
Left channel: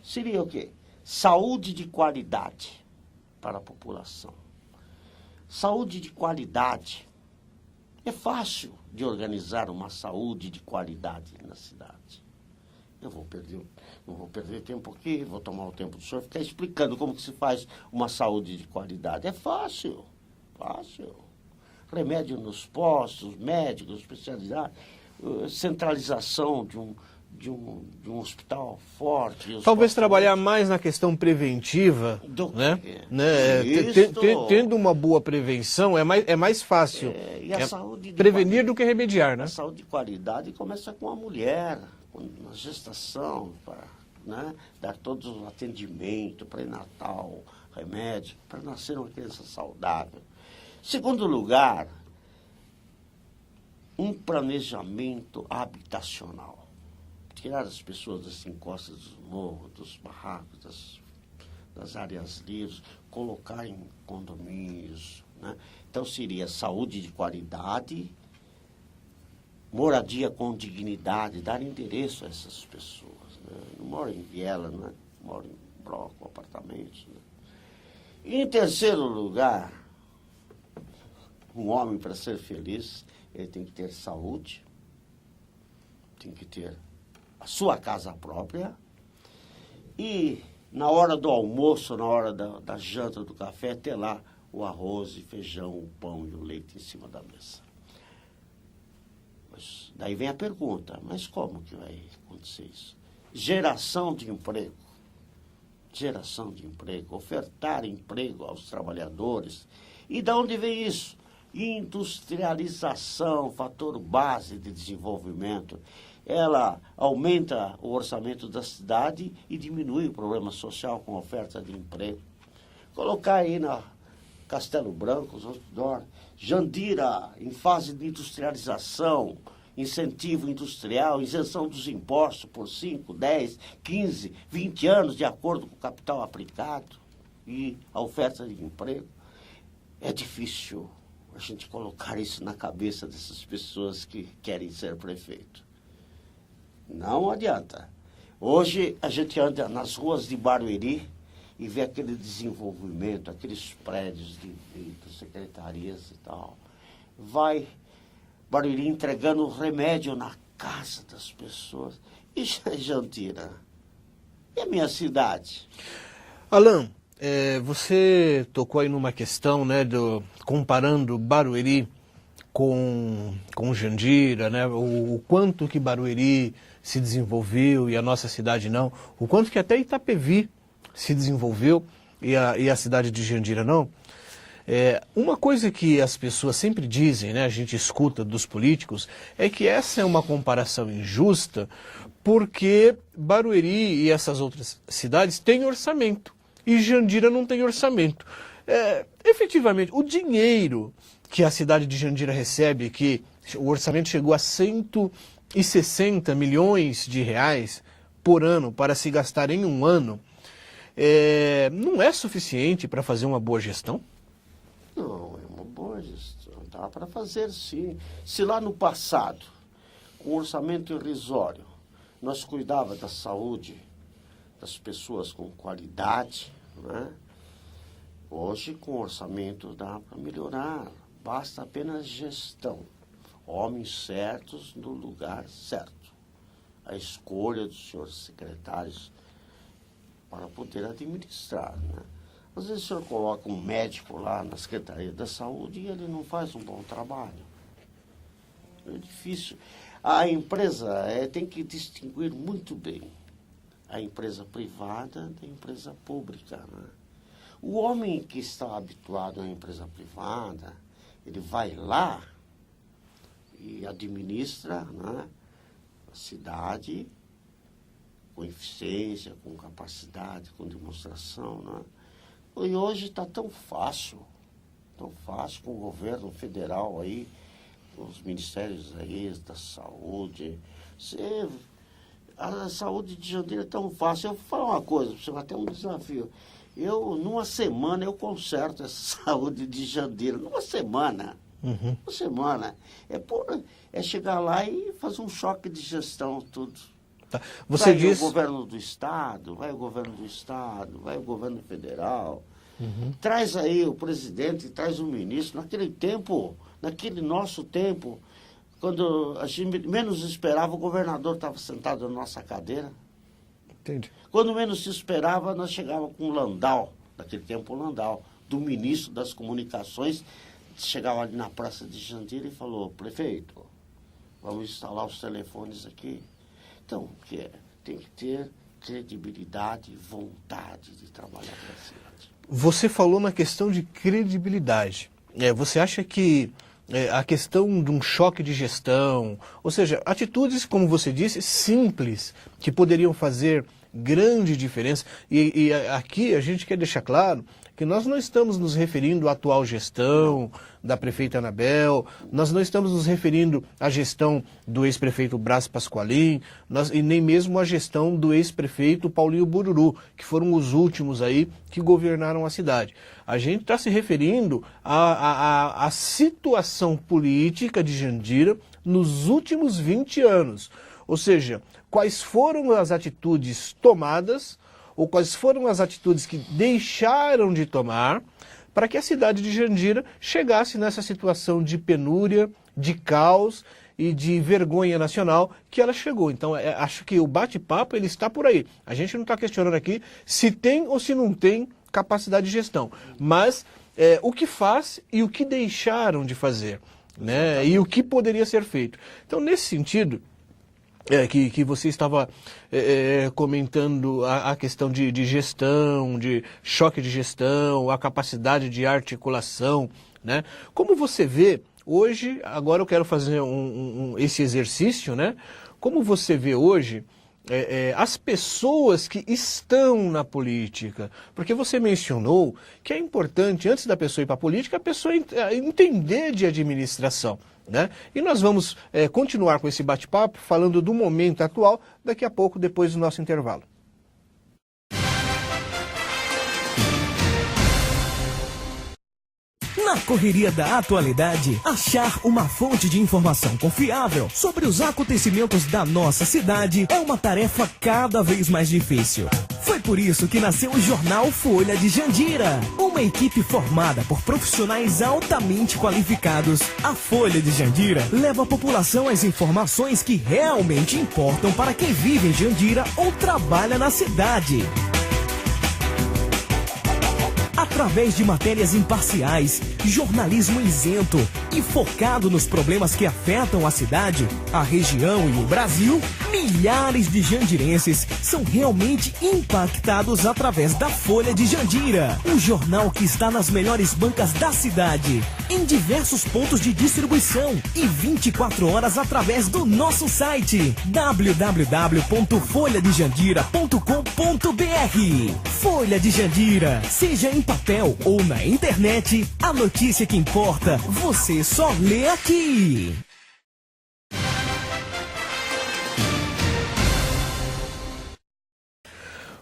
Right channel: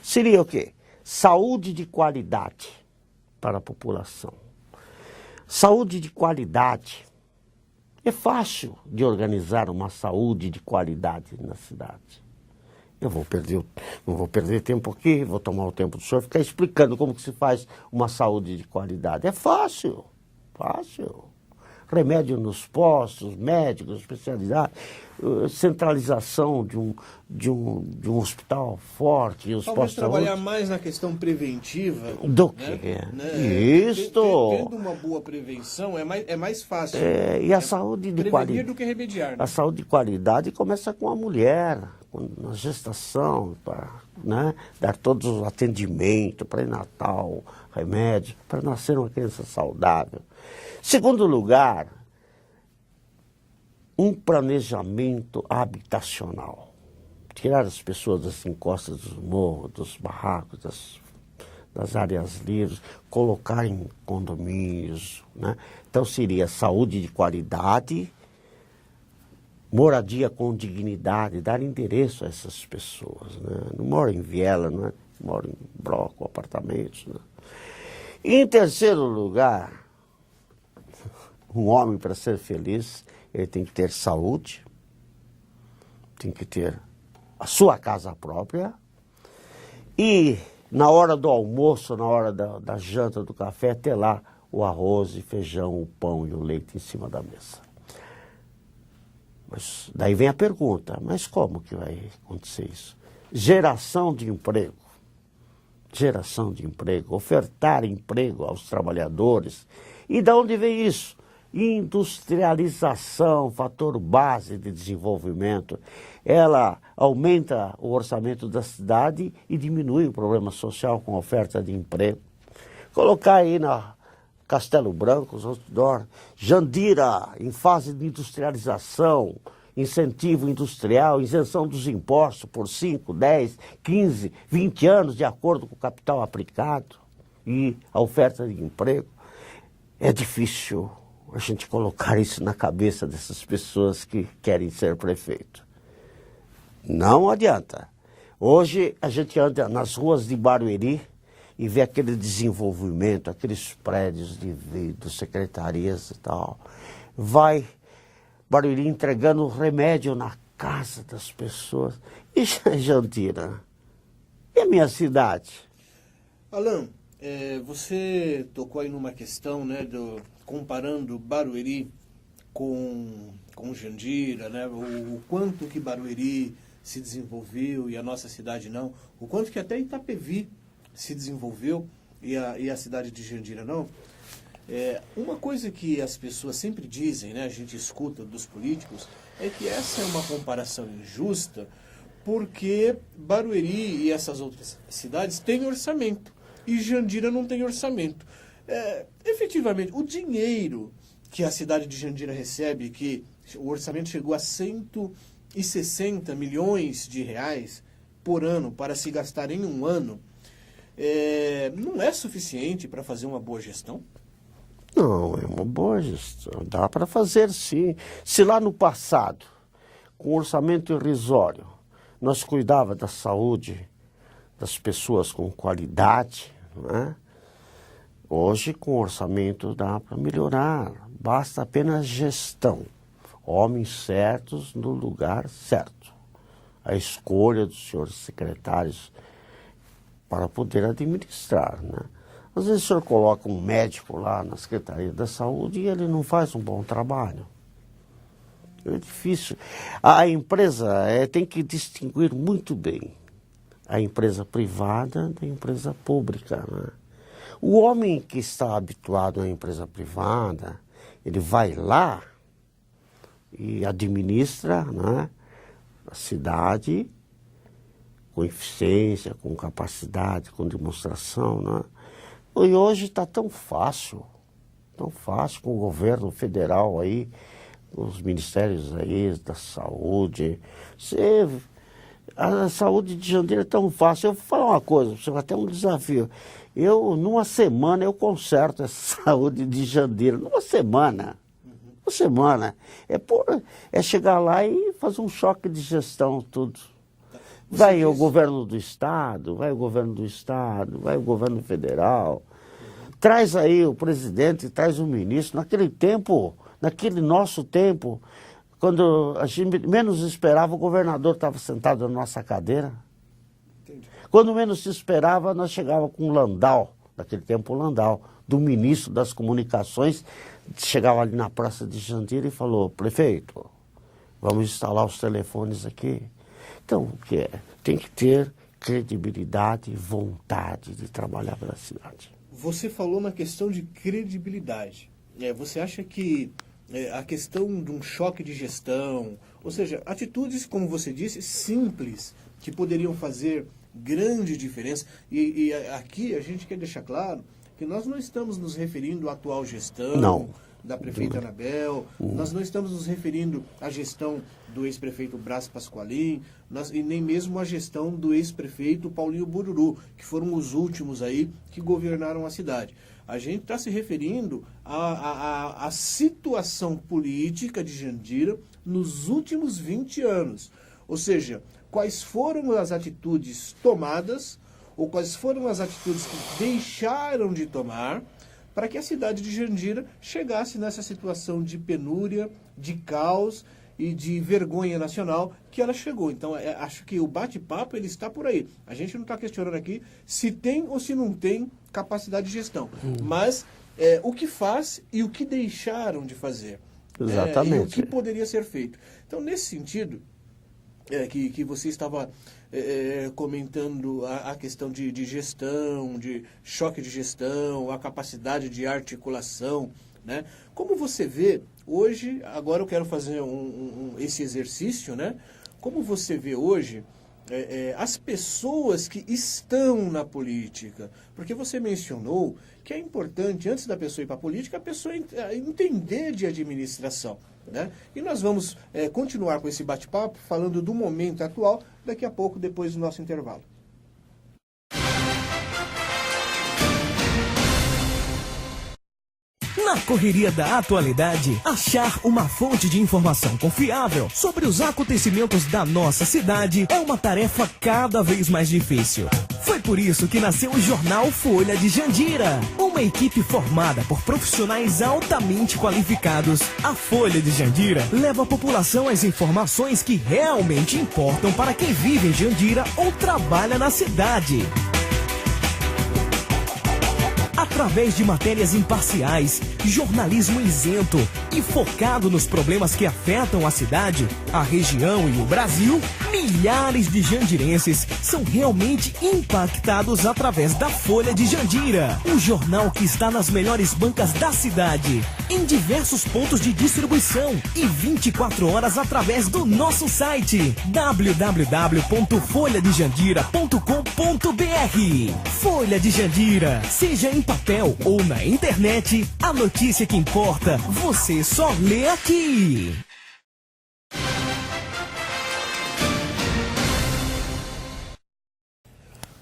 Seria o quê? Saúde de qualidade para a população. Saúde de qualidade. É fácil de organizar uma saúde de qualidade na cidade. Eu não vou perder tempo aqui, vou tomar o tempo do senhor ficar explicando como que se faz uma saúde de qualidade. É fácil, fácil. Remédio nos postos, médicos, especialidade, centralização de um hospital forte. Talvez trabalhar mais na questão preventiva, né? Isso. Tendo uma boa prevenção é mais fácil. E a saúde de prevenir do que remediar, né? A saúde de qualidade começa com a mulher, na gestação, para dar todos os atendimentos, pré-natal, remédio, para nascer uma criança saudável. Segundo lugar, um planejamento habitacional. Tirar as pessoas das encostas dos morros, dos barracos, das áreas livres, colocar em condomínios, né? Então seria saúde de qualidade, moradia com dignidade, dar endereço a essas pessoas, né? Não moram em viela, né? Moram em bloco, apartamentos, né? E em terceiro lugar, Um homem, para ser feliz, ele tem que ter saúde, tem que ter a sua casa própria e na hora do almoço, na hora da janta, do café, ter lá o arroz e feijão, o pão e o leite em cima da mesa. Mas daí vem a pergunta, mas como que vai acontecer isso? Geração de emprego, ofertar emprego aos trabalhadores. E de onde vem isso? Industrialização, fator base de desenvolvimento. Ela aumenta o orçamento da cidade e diminui o problema social com a oferta de emprego. Colocar aí na Castelo Branco, Jandira, em fase de industrialização, incentivo industrial, isenção dos impostos por 5, 10, 15, 20 anos, de acordo com o capital aplicado e a oferta de emprego. É difícil a gente colocar isso na cabeça dessas pessoas que querem ser prefeito. Não adianta. Hoje a gente anda nas ruas de Barueri e vê aquele desenvolvimento, aqueles prédios de vidro, secretarias e tal. Vai Barueri entregando remédio na casa das pessoas. E Jandira? E a minha cidade? Alan, você tocou aí numa questão, né, comparando Barueri com Jandira, né, o quanto que Barueri se desenvolveu e a nossa cidade não, o quanto que até Itapevi se desenvolveu e a cidade de Jandira não. Uma coisa que as pessoas sempre dizem, né, a gente escuta dos políticos, é que essa é uma comparação injusta porque Barueri e essas outras cidades têm orçamento e Jandira não tem orçamento. Efetivamente, o dinheiro que a cidade de Jandira recebe, que o orçamento chegou a 160 milhões de reais por ano para se gastar em um ano, não é suficiente para fazer uma boa gestão? Não, é uma boa gestão. Dá para fazer, sim. Se lá no passado, com orçamento irrisório, nós cuidava da saúde das pessoas com qualidade, né? Hoje, com orçamento, dá para melhorar. Basta apenas gestão. Homens certos no lugar certo. A escolha dos senhores secretários para poder administrar, né? Às vezes o senhor coloca um médico lá na Secretaria da Saúde e ele não faz um bom trabalho. É difícil. A empresa tem que distinguir muito bem a empresa privada da empresa pública, né? O homem que está habituado à empresa privada, ele vai lá e administra, né, a cidade com eficiência, com capacidade, com demonstração, né? E hoje está tão fácil com o governo federal aí, com os ministérios aí da saúde. A saúde de Jandira é tão fácil. Eu vou falar uma coisa, você vai ter um desafio. Numa semana, eu conserto essa saúde de Jandira. Numa semana. Uhum. Uma semana. É chegar lá e fazer um choque de gestão, tudo. Tá. O governo do Estado, vai o governo federal. Uhum. Traz aí o presidente, traz o ministro. Naquele nosso tempo, quando a gente menos esperava, o governador estava sentado na nossa cadeira. Entendi. Quando menos se esperava, nós chegávamos com o Landau, naquele tempo o Landau, do ministro das Comunicações, chegava ali na Praça de Jandira e falou: prefeito, vamos instalar os telefones aqui. Então, tem que ter credibilidade e vontade de trabalhar pela cidade. Você falou na questão de credibilidade. Você acha que a questão de um choque de gestão, ou seja, atitudes, como você disse, simples, que poderiam fazer grande diferença, e aqui a gente quer deixar claro que nós não estamos nos referindo à atual gestão da prefeita Anabel, nós não estamos nos referindo à gestão do ex-prefeito Brás Pasqualin, e nem mesmo à gestão do ex-prefeito Paulinho Bururu, que foram os últimos aí que governaram a cidade. A gente está se referindo à situação política de Jandira nos últimos 20 anos. Ou seja, quais foram as atitudes tomadas ou quais foram as atitudes que deixaram de tomar para que a cidade de Jandira chegasse nessa situação de penúria, de caos e de vergonha nacional que ela chegou. Então, acho que o bate-papo ele está por aí. A gente não está questionando aqui se tem ou se não tem capacidade de gestão, mas o que faz e o que deixaram de fazer, né? E o que poderia ser feito. Então, nesse sentido, que você estava comentando a questão de gestão, de choque de gestão, a capacidade de articulação, né? Como você vê hoje, agora eu quero fazer esse exercício, né? Como você vê hoje as pessoas que estão na política? Porque você mencionou que é importante, antes da pessoa ir para a política, a pessoa entender de administração, né? E nós vamos continuar com esse bate-papo, falando do momento atual, daqui a pouco, depois do nosso intervalo. Na correria da atualidade, achar uma fonte de informação confiável sobre os acontecimentos da nossa cidade é uma tarefa cada vez mais difícil. Foi por isso que nasceu o jornal Folha de Jandira, uma equipe formada por profissionais altamente qualificados. A Folha de Jandira leva à população as informações que realmente importam para quem vive em Jandira ou trabalha na cidade. Através de matérias imparciais, jornalismo isento e focado nos problemas que afetam a cidade, a região e o Brasil, milhares de jandirenses são realmente impactados através da Folha de Jandira, um jornal que está nas melhores bancas da cidade, em diversos pontos de distribuição e 24 horas através do nosso site www.folhadejandira.com.br. Folha de Jandira, seja em papel ou na internet, a notícia que importa, você só lê aqui.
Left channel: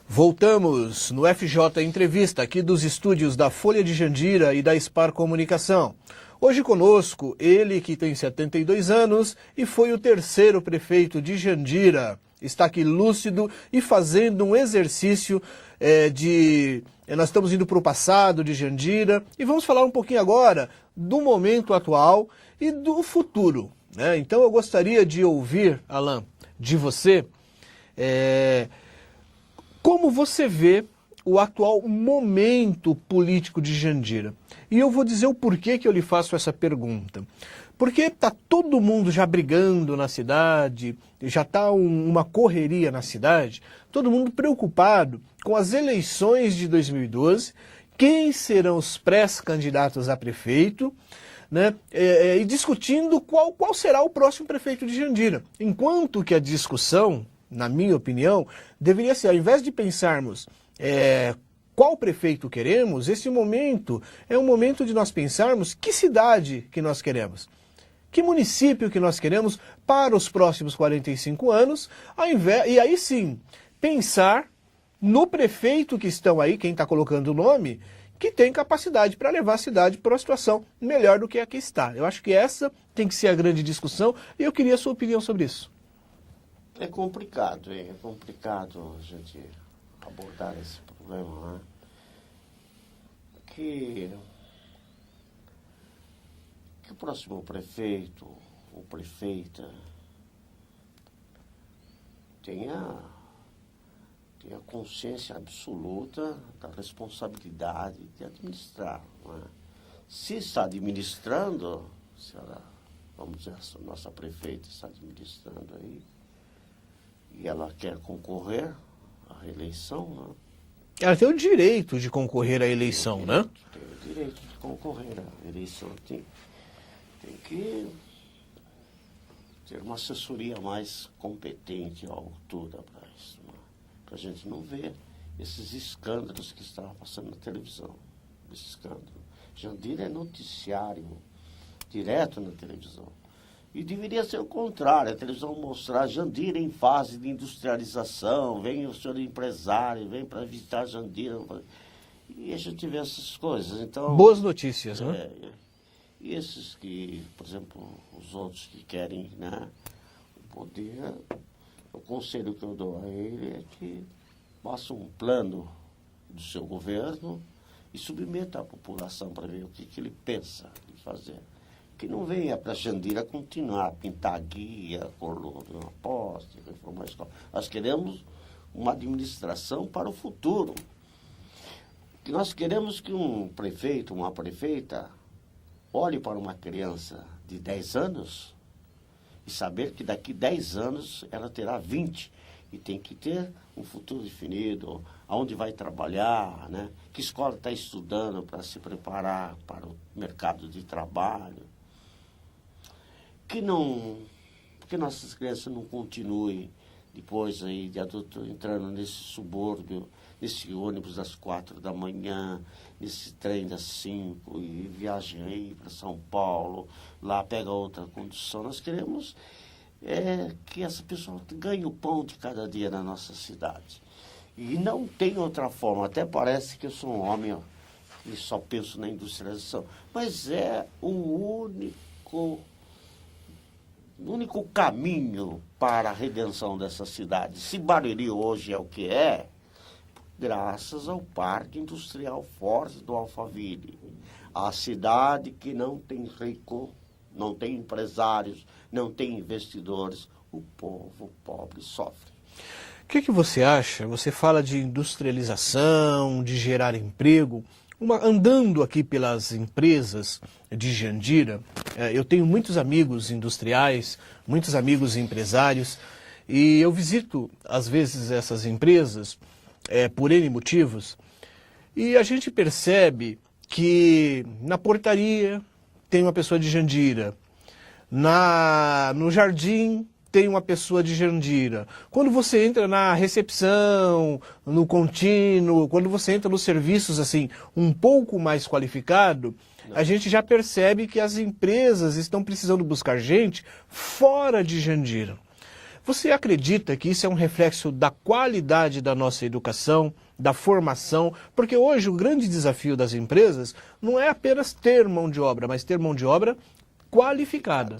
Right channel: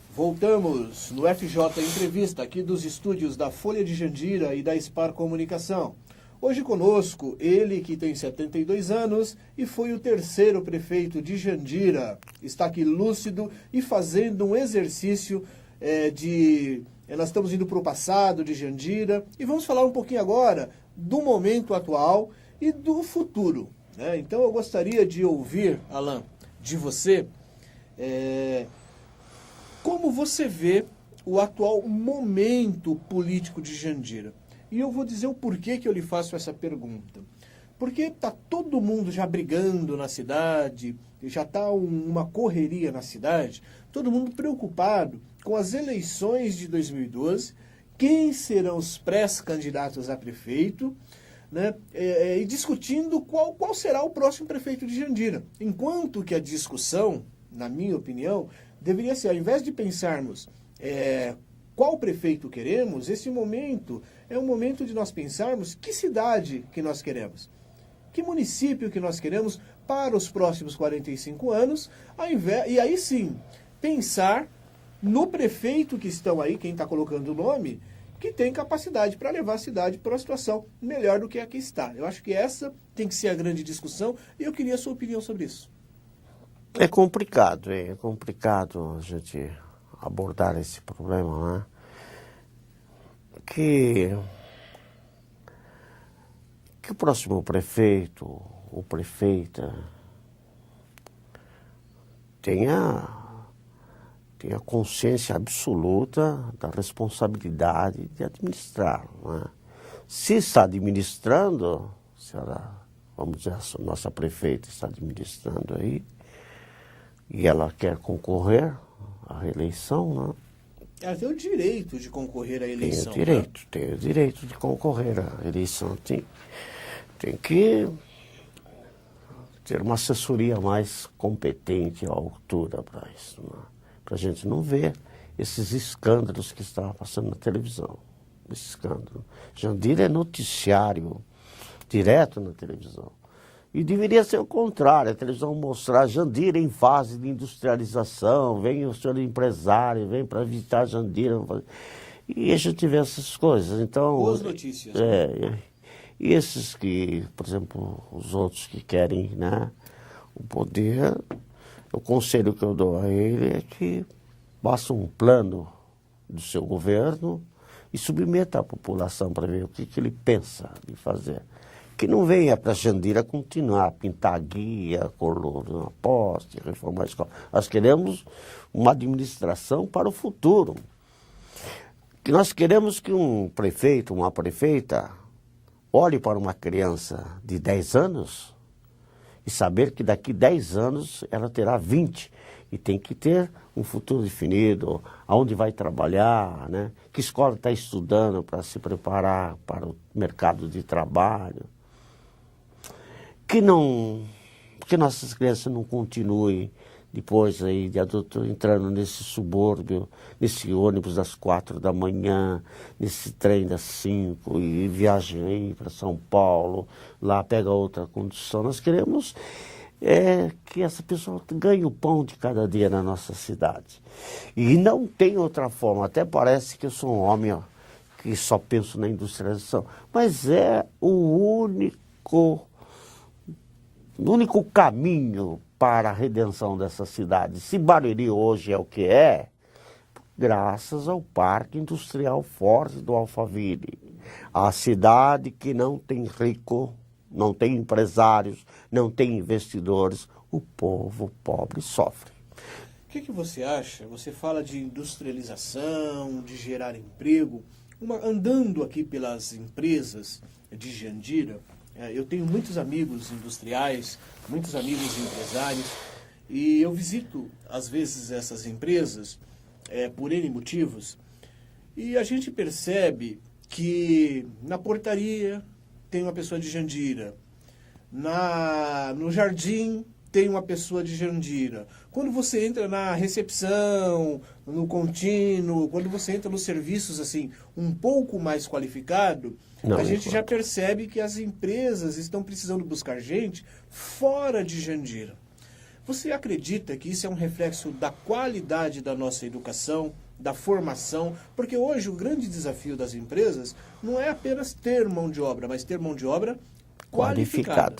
Voltamos no FJ Entrevista, aqui dos estúdios da Folha de Jandira e da Spar Comunicação. Hoje conosco, ele que tem 72 anos e foi o terceiro prefeito de Jandira. Está aqui lúcido e fazendo um exercício nós estamos indo para o passado de Jandira e vamos falar um pouquinho agora do momento atual e do futuro, né? Então eu gostaria de ouvir, Alan, de você, como você vê o atual momento político de Jandira. E eu vou dizer o porquê que eu lhe faço essa pergunta. Porque está todo mundo já brigando na cidade, já está uma correria na cidade, todo mundo preocupado com as eleições de 2012, quem serão os pré-candidatos a prefeito, né? E discutindo qual será o próximo prefeito de Jandira. Enquanto que a discussão, na minha opinião, deveria ser, ao invés de pensarmos qual prefeito queremos, esse momento é um momento de nós pensarmos que cidade que nós queremos. Que município que nós queremos para os próximos 45 anos, e aí sim, pensar no prefeito que estão aí, quem está colocando o nome, que tem capacidade para levar a cidade para uma situação melhor do que a que está. Eu acho que essa tem que ser a grande discussão e eu queria a sua opinião sobre isso. É complicado a gente abordar esse problema, né? Que o próximo prefeito ou prefeita tenha consciência absoluta da responsabilidade de administrar, né? Se está administrando, vamos dizer, a nossa prefeita está administrando aí, e ela quer concorrer à reeleição, né? Ela tem o direito de concorrer à eleição, tem o direito de concorrer à eleição. Tem que ter uma assessoria mais competente à altura para isso, né? Para a gente não ver esses escândalos que estavam passando na televisão. Esse escândalo. Jandira é noticiário direto na televisão. E deveria ser o contrário, a televisão mostrar Jandira em fase de industrialização, vem o senhor empresário, vem para visitar Jandira. E a gente vê essas coisas. Então, boas notícias, né? E esses que, por exemplo, os outros que querem, né, o poder, o conselho que eu dou a ele é que faça um plano do seu governo e submeta a população para ver o que ele pensa de fazer. Que não venha para Jandira continuar a pintar guia, coluna, poste, reformar a escola. Nós queremos uma administração para o futuro. Que nós queremos que um prefeito, uma prefeita, olhe para uma criança de 10 anos e saber que daqui 10 anos ela terá 20 e tem que ter um futuro definido, aonde vai trabalhar, né? Que escola está estudando para se preparar para o mercado de trabalho. Que nossas crianças não continuem depois aí de adulto entrando nesse subúrbio, nesse ônibus das 4 da manhã, nesse trem das 5 e viajem aí para São Paulo, lá pega outra condição. Nós queremos que essa pessoa ganhe o pão de cada dia na nossa cidade. E não tem outra forma, até parece que eu sou um homem que só penso na industrialização, mas é o único caminho para a redenção dessa cidade. Se Barueri hoje é o que é, graças ao Parque Industrial Forte do Alphaville. A cidade que não tem rico, não tem empresários, não tem investidores, o povo pobre sofre. O que você acha? Você fala de industrialização, de gerar emprego. Andando aqui pelas empresas de Jandira, eu tenho muitos amigos industriais, muitos amigos empresários, e eu visito, às vezes, essas empresas por N motivos, e a gente percebe que na portaria tem uma pessoa de Jandira, no jardim tem uma pessoa de Jandira. Quando você entra na recepção, no contínuo, quando você entra nos serviços assim um pouco mais qualificado, a gente já percebe que as empresas estão precisando buscar gente fora de Jandira. Você acredita que isso é um reflexo da qualidade da nossa educação, da formação? Porque hoje o grande desafio das empresas não é apenas ter mão de obra, mas ter mão de obra qualificada.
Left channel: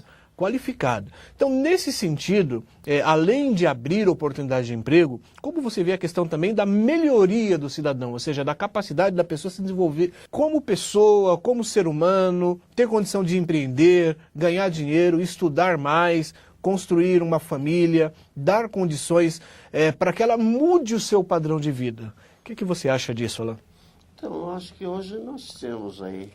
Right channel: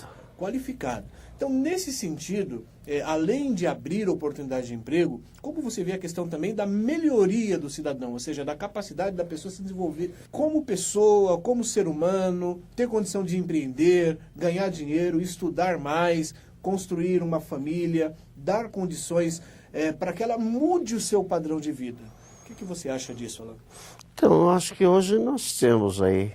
Então, nesse sentido, além de abrir oportunidade de emprego, como você vê a questão também da melhoria do cidadão, ou seja, da capacidade da pessoa se desenvolver como pessoa, como ser humano, ter condição de empreender, ganhar dinheiro, estudar mais, construir uma família, dar condições para que ela mude o seu padrão de vida. O que você acha disso, Alain? Então, eu acho que hoje nós temos aí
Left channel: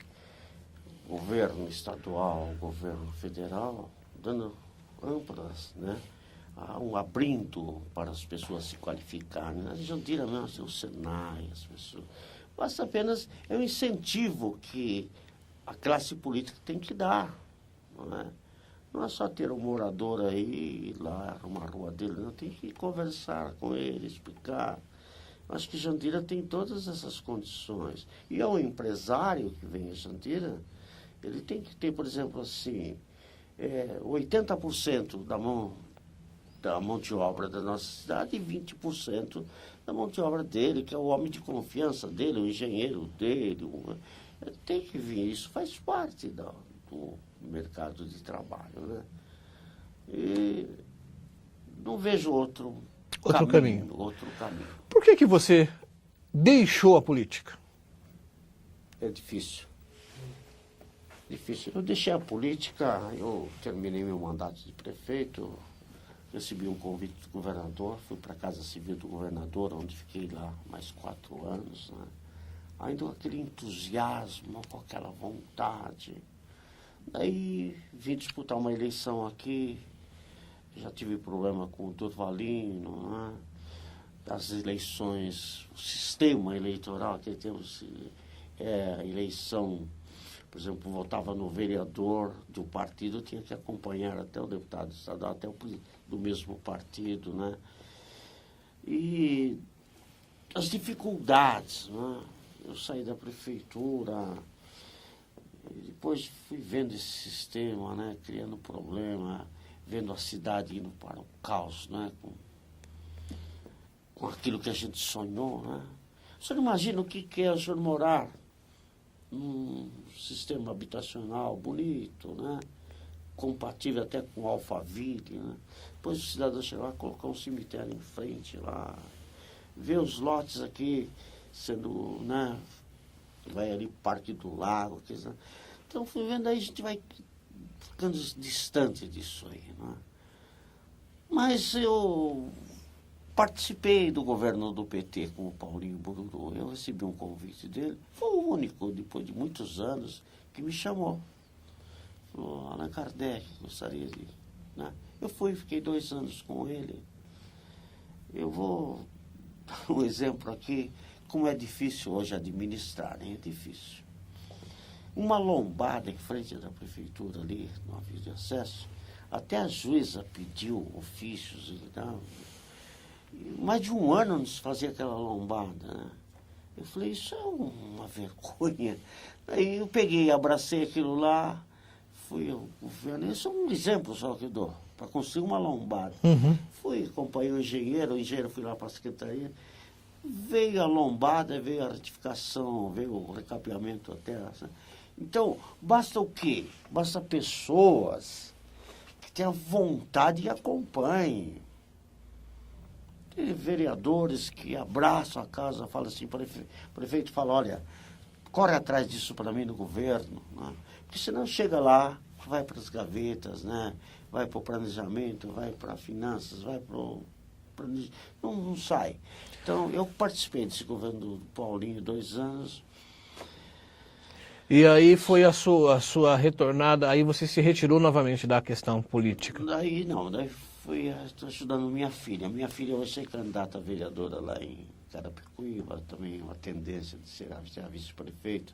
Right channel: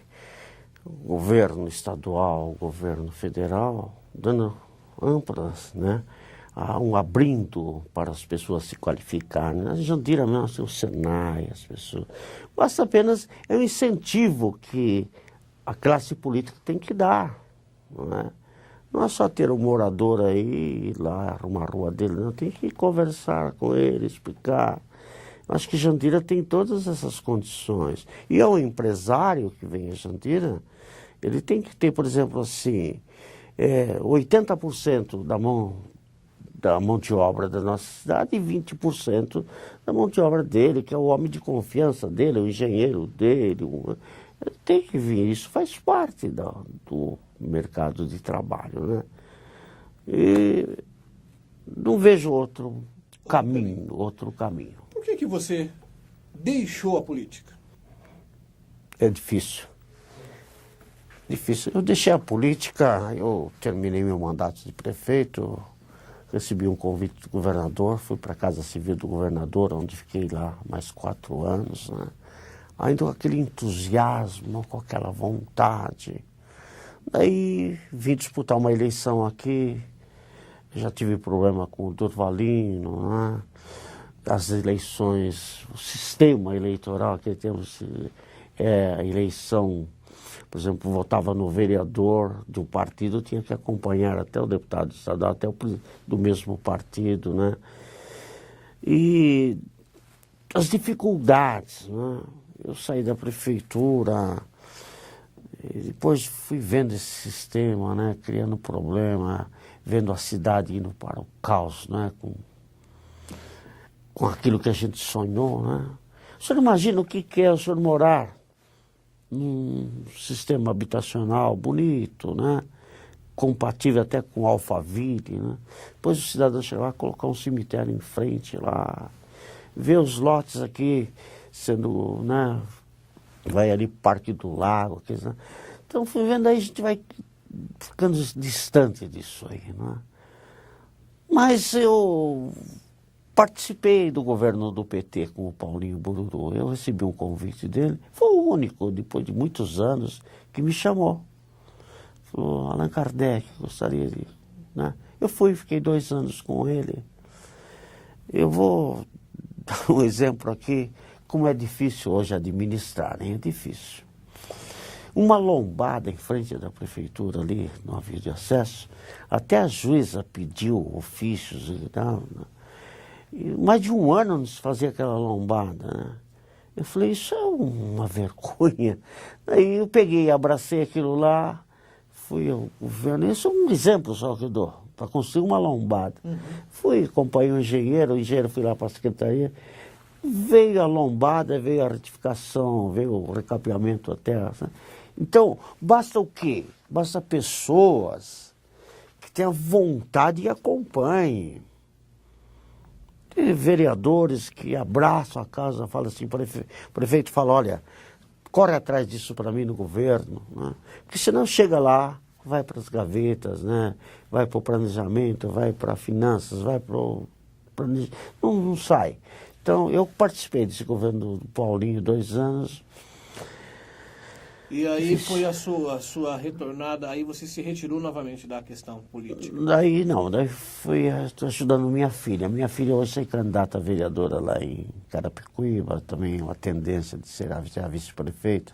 o governo estadual, o governo federal, dando amplas, né, abrindo para as pessoas se qualificarem. Na Jandira mesmo tem o Senai, as pessoas. Basta apenas, é um incentivo que a classe política tem que dar, não é? Não é só ter um morador aí, ir lá, arrumar a rua dele, não, tem que conversar com ele, explicar. Acho que Jandira tem todas essas condições. E ao empresário que vem a Jandira, ele tem que ter, por exemplo, assim, 80% da mão de obra da nossa cidade e 20% da mão de obra dele, que é o homem de confiança dele, o engenheiro dele. Ele tem que vir, isso faz parte do mercado de trabalho, né? E não vejo outro caminho. Por que você deixou a política? É difícil. Eu deixei a política, eu terminei meu mandato de prefeito, recebi um convite do governador, fui para a Casa Civil do governador, onde fiquei lá mais 4 anos, né? Ainda com aquele entusiasmo, com aquela vontade. Daí vim disputar uma eleição aqui, já tive problema com o Durvalino, né? As eleições, o sistema eleitoral que temos, a eleição, por exemplo, votava no vereador de um partido, tinha que acompanhar até o deputado estadual, até do mesmo partido, né? E as dificuldades, né? Eu saí da prefeitura, e depois fui vendo esse sistema, né? Criando problema, vendo a cidade indo para o caos, né? Com aquilo que a gente sonhou, né? O senhor imagina o que é o senhor morar num sistema habitacional bonito, né? Compatível até com o Alphaville, né? Depois o cidadão chega lá, colocar um cemitério em frente lá, ver os lotes aqui sendo, né, vai ali Parque do Lago. Então, fui vendo aí, a gente vai ficando distante disso aí, né? Mas eu participei do governo do PT com o Paulinho Bururu. Eu recebi um convite dele. Foi o único, depois de muitos anos, que me chamou. Falou, Allan Kardec, gostaria de... Né? Eu fui, fiquei 2 anos com ele. Eu vou dar um exemplo aqui, como é difícil hoje administrar, hein? É difícil. Uma lombada em frente da prefeitura ali, no aviso de acesso, até a juíza pediu ofícios e tal. Mais de 1 ano não se fazia aquela lombada, né? Eu falei, isso é uma vergonha. Aí eu peguei, abracei aquilo lá, fui ao governo. Isso é um exemplo só que eu dou, para construir uma lombada. Fui, acompanhei o engenheiro foi lá para a secretaria. Veio a lombada, veio a retificação, veio o recapeamento até. Então, basta o quê? Basta pessoas que tenham vontade e acompanhem. Tem vereadores que abraçam a casa, falam assim, o prefeito fala, olha, corre atrás disso para mim no governo, né? Porque senão chega lá, vai para as gavetas, né? Vai para o planejamento, vai para finanças, vai para o... Não sai. Então, eu participei desse governo do Paulinho 2 anos. E aí foi a sua retornada, aí você se retirou novamente da questão política? Daí não, daí fui ajudando minha filha. Minha filha hoje é candidata a vereadora lá em Carapicuíba, também uma tendência de ser a vice-prefeita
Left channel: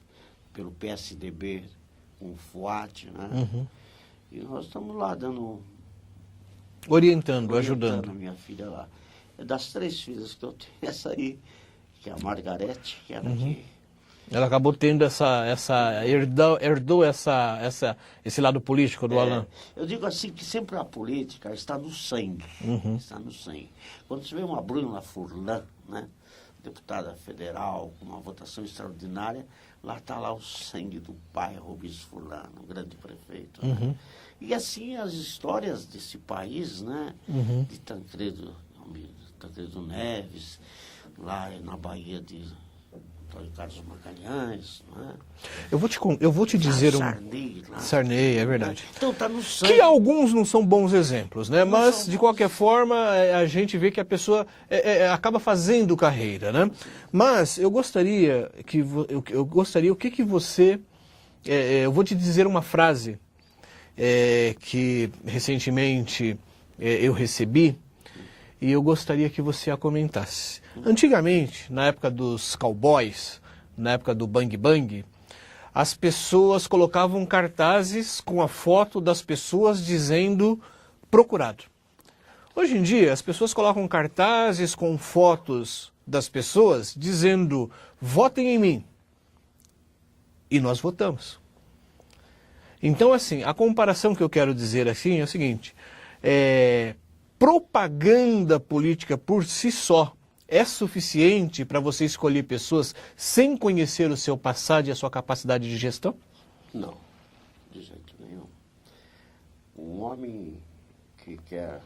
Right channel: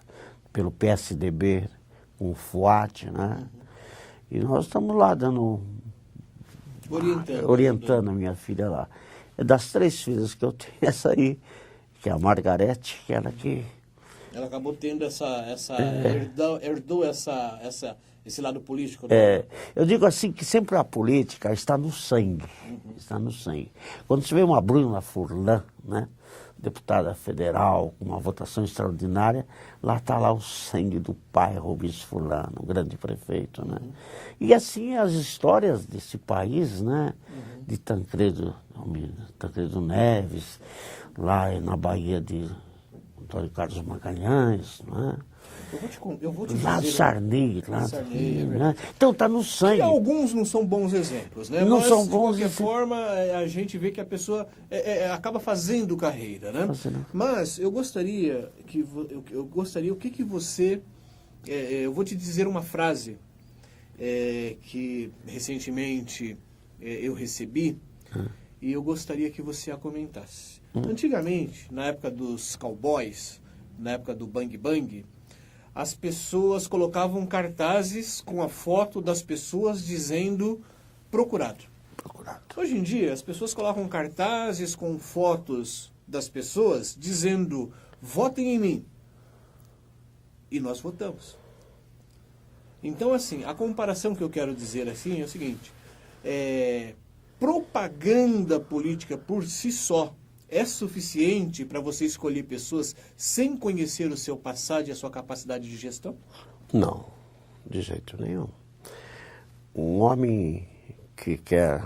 pelo PSDB, com o FUAT, né? E nós estamos lá dando... Orientando a minha filha lá. Das 3 filhas que eu tenho, essa aí, que é a Margarete, que era que... Ela acabou tendo herdou esse lado político do Allan. Eu digo assim que sempre a política está no sangue. Está no sangue. Quando você vê uma Bruna Furlan, né, deputada federal, com uma votação extraordinária, lá está lá o sangue do pai Rubens Furlan, o grande prefeito. Né? E assim as histórias desse país, né, de Tancredo Neves, lá na Bahia de... Antônio Carlos Magalhães, né? Eu vou te dizer... Sarney, lá. Sarney, é verdade. Então está no sangue. Que alguns não são bons exemplos, né? Não Mas, de qualquer forma, a gente vê que a pessoa acaba fazendo carreira, né? Mas eu gostaria que... o que você... eu vou te dizer uma frase que recentemente eu recebi, e eu gostaria que você a comentasse. Antigamente, na época dos cowboys, na época do bang bang, as pessoas colocavam cartazes com a foto das pessoas dizendo procurado. Hoje em dia, as pessoas colocam cartazes com fotos das pessoas dizendo votem em mim. E nós votamos. Então, assim, a comparação que eu quero dizer assim é o seguinte, propaganda política por si só é suficiente para você escolher pessoas sem conhecer o seu passado e a sua capacidade de gestão? Não, de jeito nenhum. Um homem que quer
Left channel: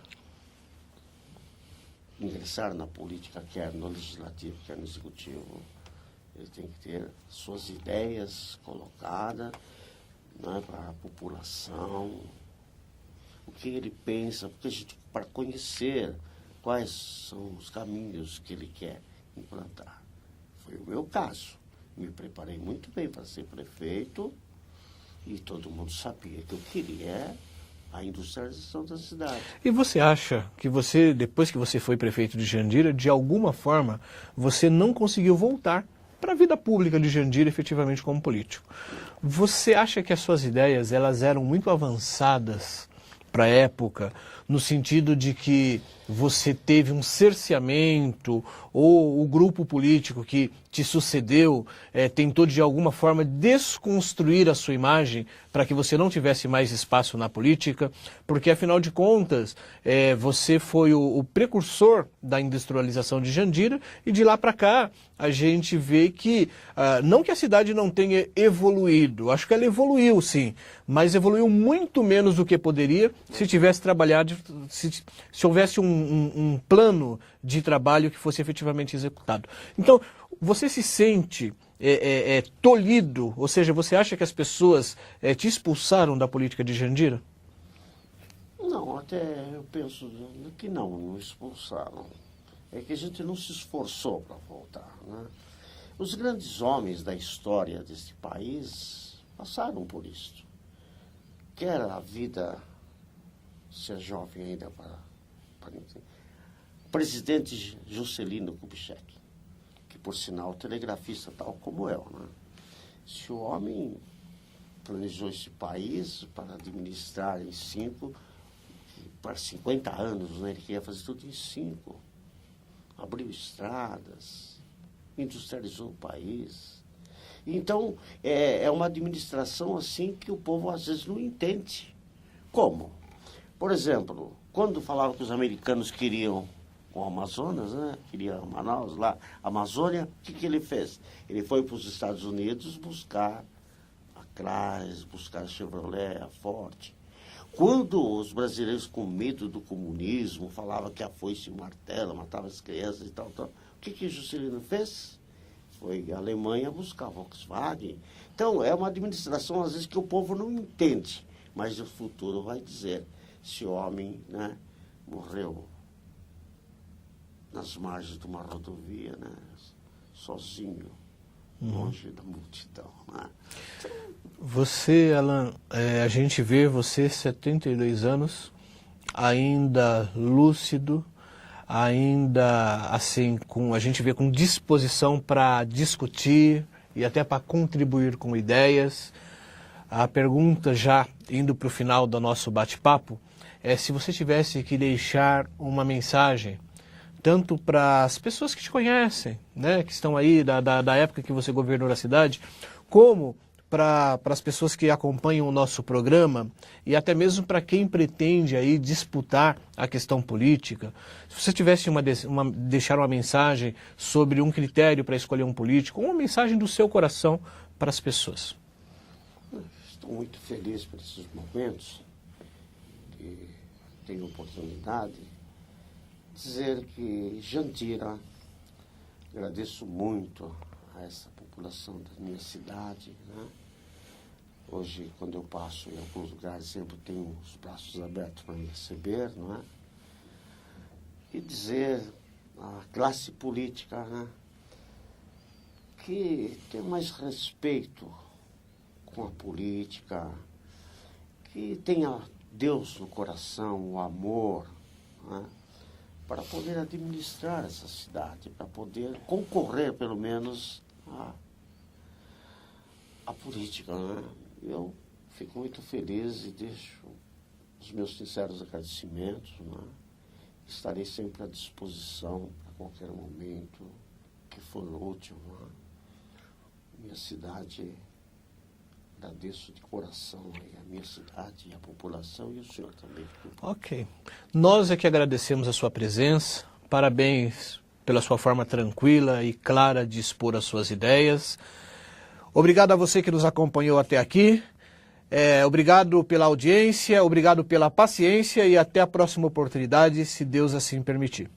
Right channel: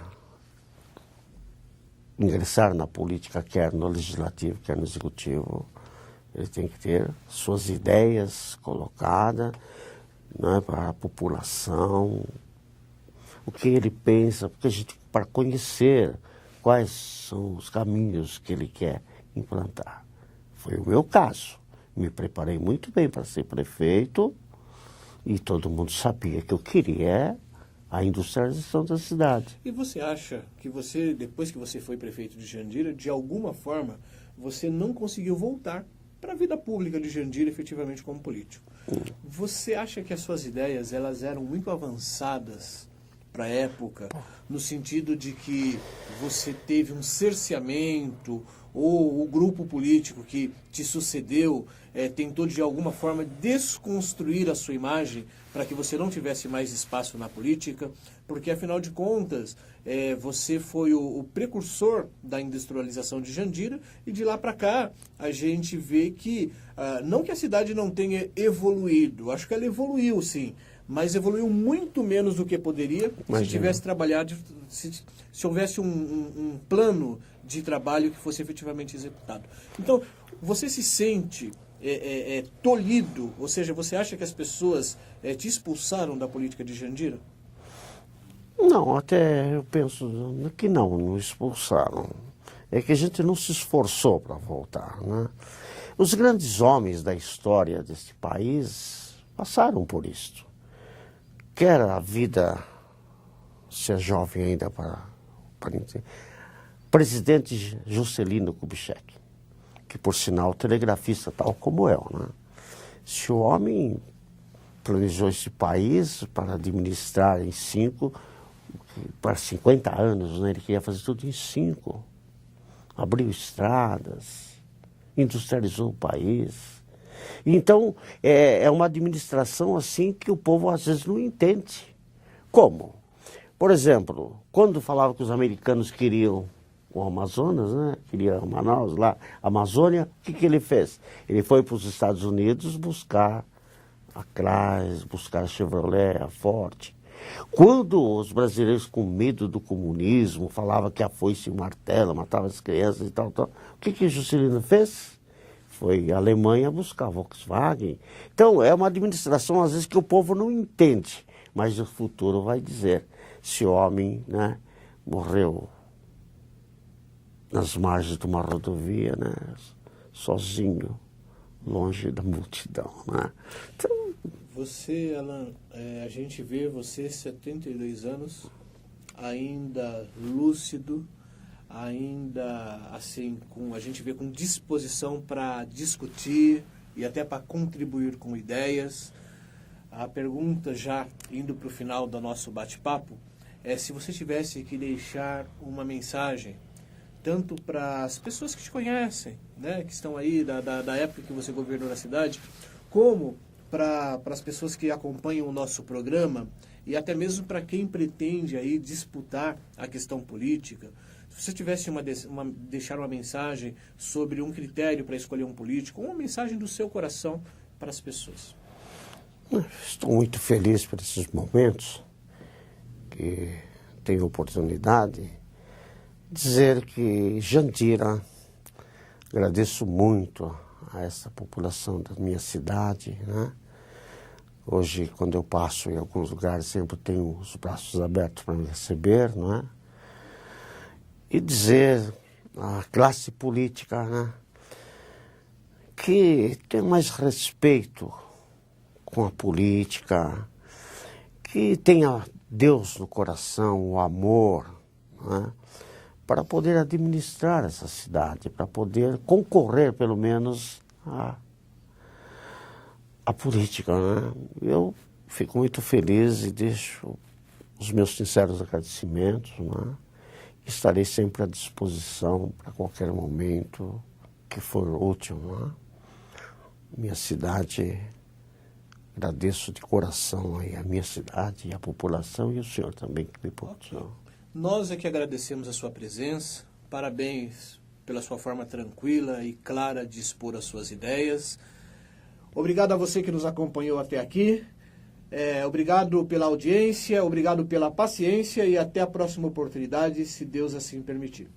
ingressar na política, quer no legislativo, quer no executivo, ele tem que ter suas ideias colocadas, né, para a população, o que ele pensa, porque a gente, para conhecer quais são os caminhos que ele quer implantar. Foi o meu caso. Me preparei muito bem para ser prefeito e todo mundo sabia que eu queria a industrialização da cidade. E você acha que você, depois que você foi prefeito de Jandira, de alguma forma, você não conseguiu voltar para a vida pública de Jandira efetivamente como político? Você acha que as suas ideias elas eram muito avançadas para a época, no sentido de que você teve um cerceamento, ou o grupo político que te sucedeu tentou de alguma forma desconstruir a sua imagem para que você não tivesse mais espaço na política? Porque, afinal de contas, você foi o precursor da industrialização de Jandira, e de lá para cá a gente vê que, não que a cidade não tenha evoluído, acho que ela evoluiu sim, mas evoluiu muito menos do que poderia se tivesse trabalhado, se houvesse um plano de trabalho que fosse efetivamente executado. Então, você se sente tolhido? Ou seja, você acha que as pessoas te expulsaram da política de Jandira? Não, até eu penso que não expulsaram. É que a gente não se esforçou para voltar, né? Os grandes homens da história desse país passaram por isso. Quer a vida ser jovem ainda para entender. Presidente Juscelino Kubitschek, que por sinal telegrafista tal como eu, né? Se o homem planejou esse país para administrar em 50 anos, né? Ele queria fazer tudo em 5. Abriu estradas, industrializou o país. Então, é uma administração assim que o povo às vezes não entende. Como? Por exemplo, quando falavam que os americanos queriam o Amazonas, né? Queriam Manaus, lá, Amazônia, o que ele fez? Ele foi para os Estados Unidos buscar a Chrysler, buscar a Chevrolet, a Ford. Quando os brasileiros, com medo do comunismo, falavam que a foice e o martelo matava as crianças e tal, o que Juscelino fez? Foi à Alemanha buscar a Volkswagen. Então, é uma administração, às vezes, que o povo não entende, mas o futuro vai dizer. Esse homem, né, morreu nas margens de uma rodovia, né, sozinho, longe da multidão, né? Então, você, Alan, a gente vê você, 72 anos, ainda lúcido, ainda assim, a gente vê com disposição para discutir e até para contribuir com ideias. A pergunta, já indo para o final do nosso bate-papo, é se você tivesse que deixar uma mensagem, tanto para as pessoas que te conhecem, né, que estão aí da época que você governou a cidade, como para as pessoas que acompanham o nosso programa e até mesmo para quem pretende aí disputar a questão política. Se você tivesse deixar uma mensagem sobre um critério para escolher um político, uma mensagem do seu coração para as pessoas. Estou muito feliz por esses momentos que tenho oportunidade de dizer que Jandira, agradeço muito a essa população da minha cidade, né? Hoje, quando eu passo em alguns lugares, sempre tenho os braços abertos para me receber, não é? E dizer à classe política, né, que tem mais respeito com a política, que tenha Deus no coração, o amor, né, para poder administrar essa cidade, para poder concorrer, pelo menos, a política, né? Eu fico muito feliz e deixo os meus sinceros agradecimentos, né? Estarei sempre à disposição para qualquer momento que for útil, né? Minha cidade, agradeço de coração aí a minha cidade e a população e o senhor também que me Ok. Nós é que agradecemos a sua presença, parabéns pela sua forma tranquila e clara de expor as suas ideias. Obrigado a você que nos acompanhou até aqui. Obrigado pela audiência, obrigado pela paciência e até a próxima oportunidade, se Deus assim permitir.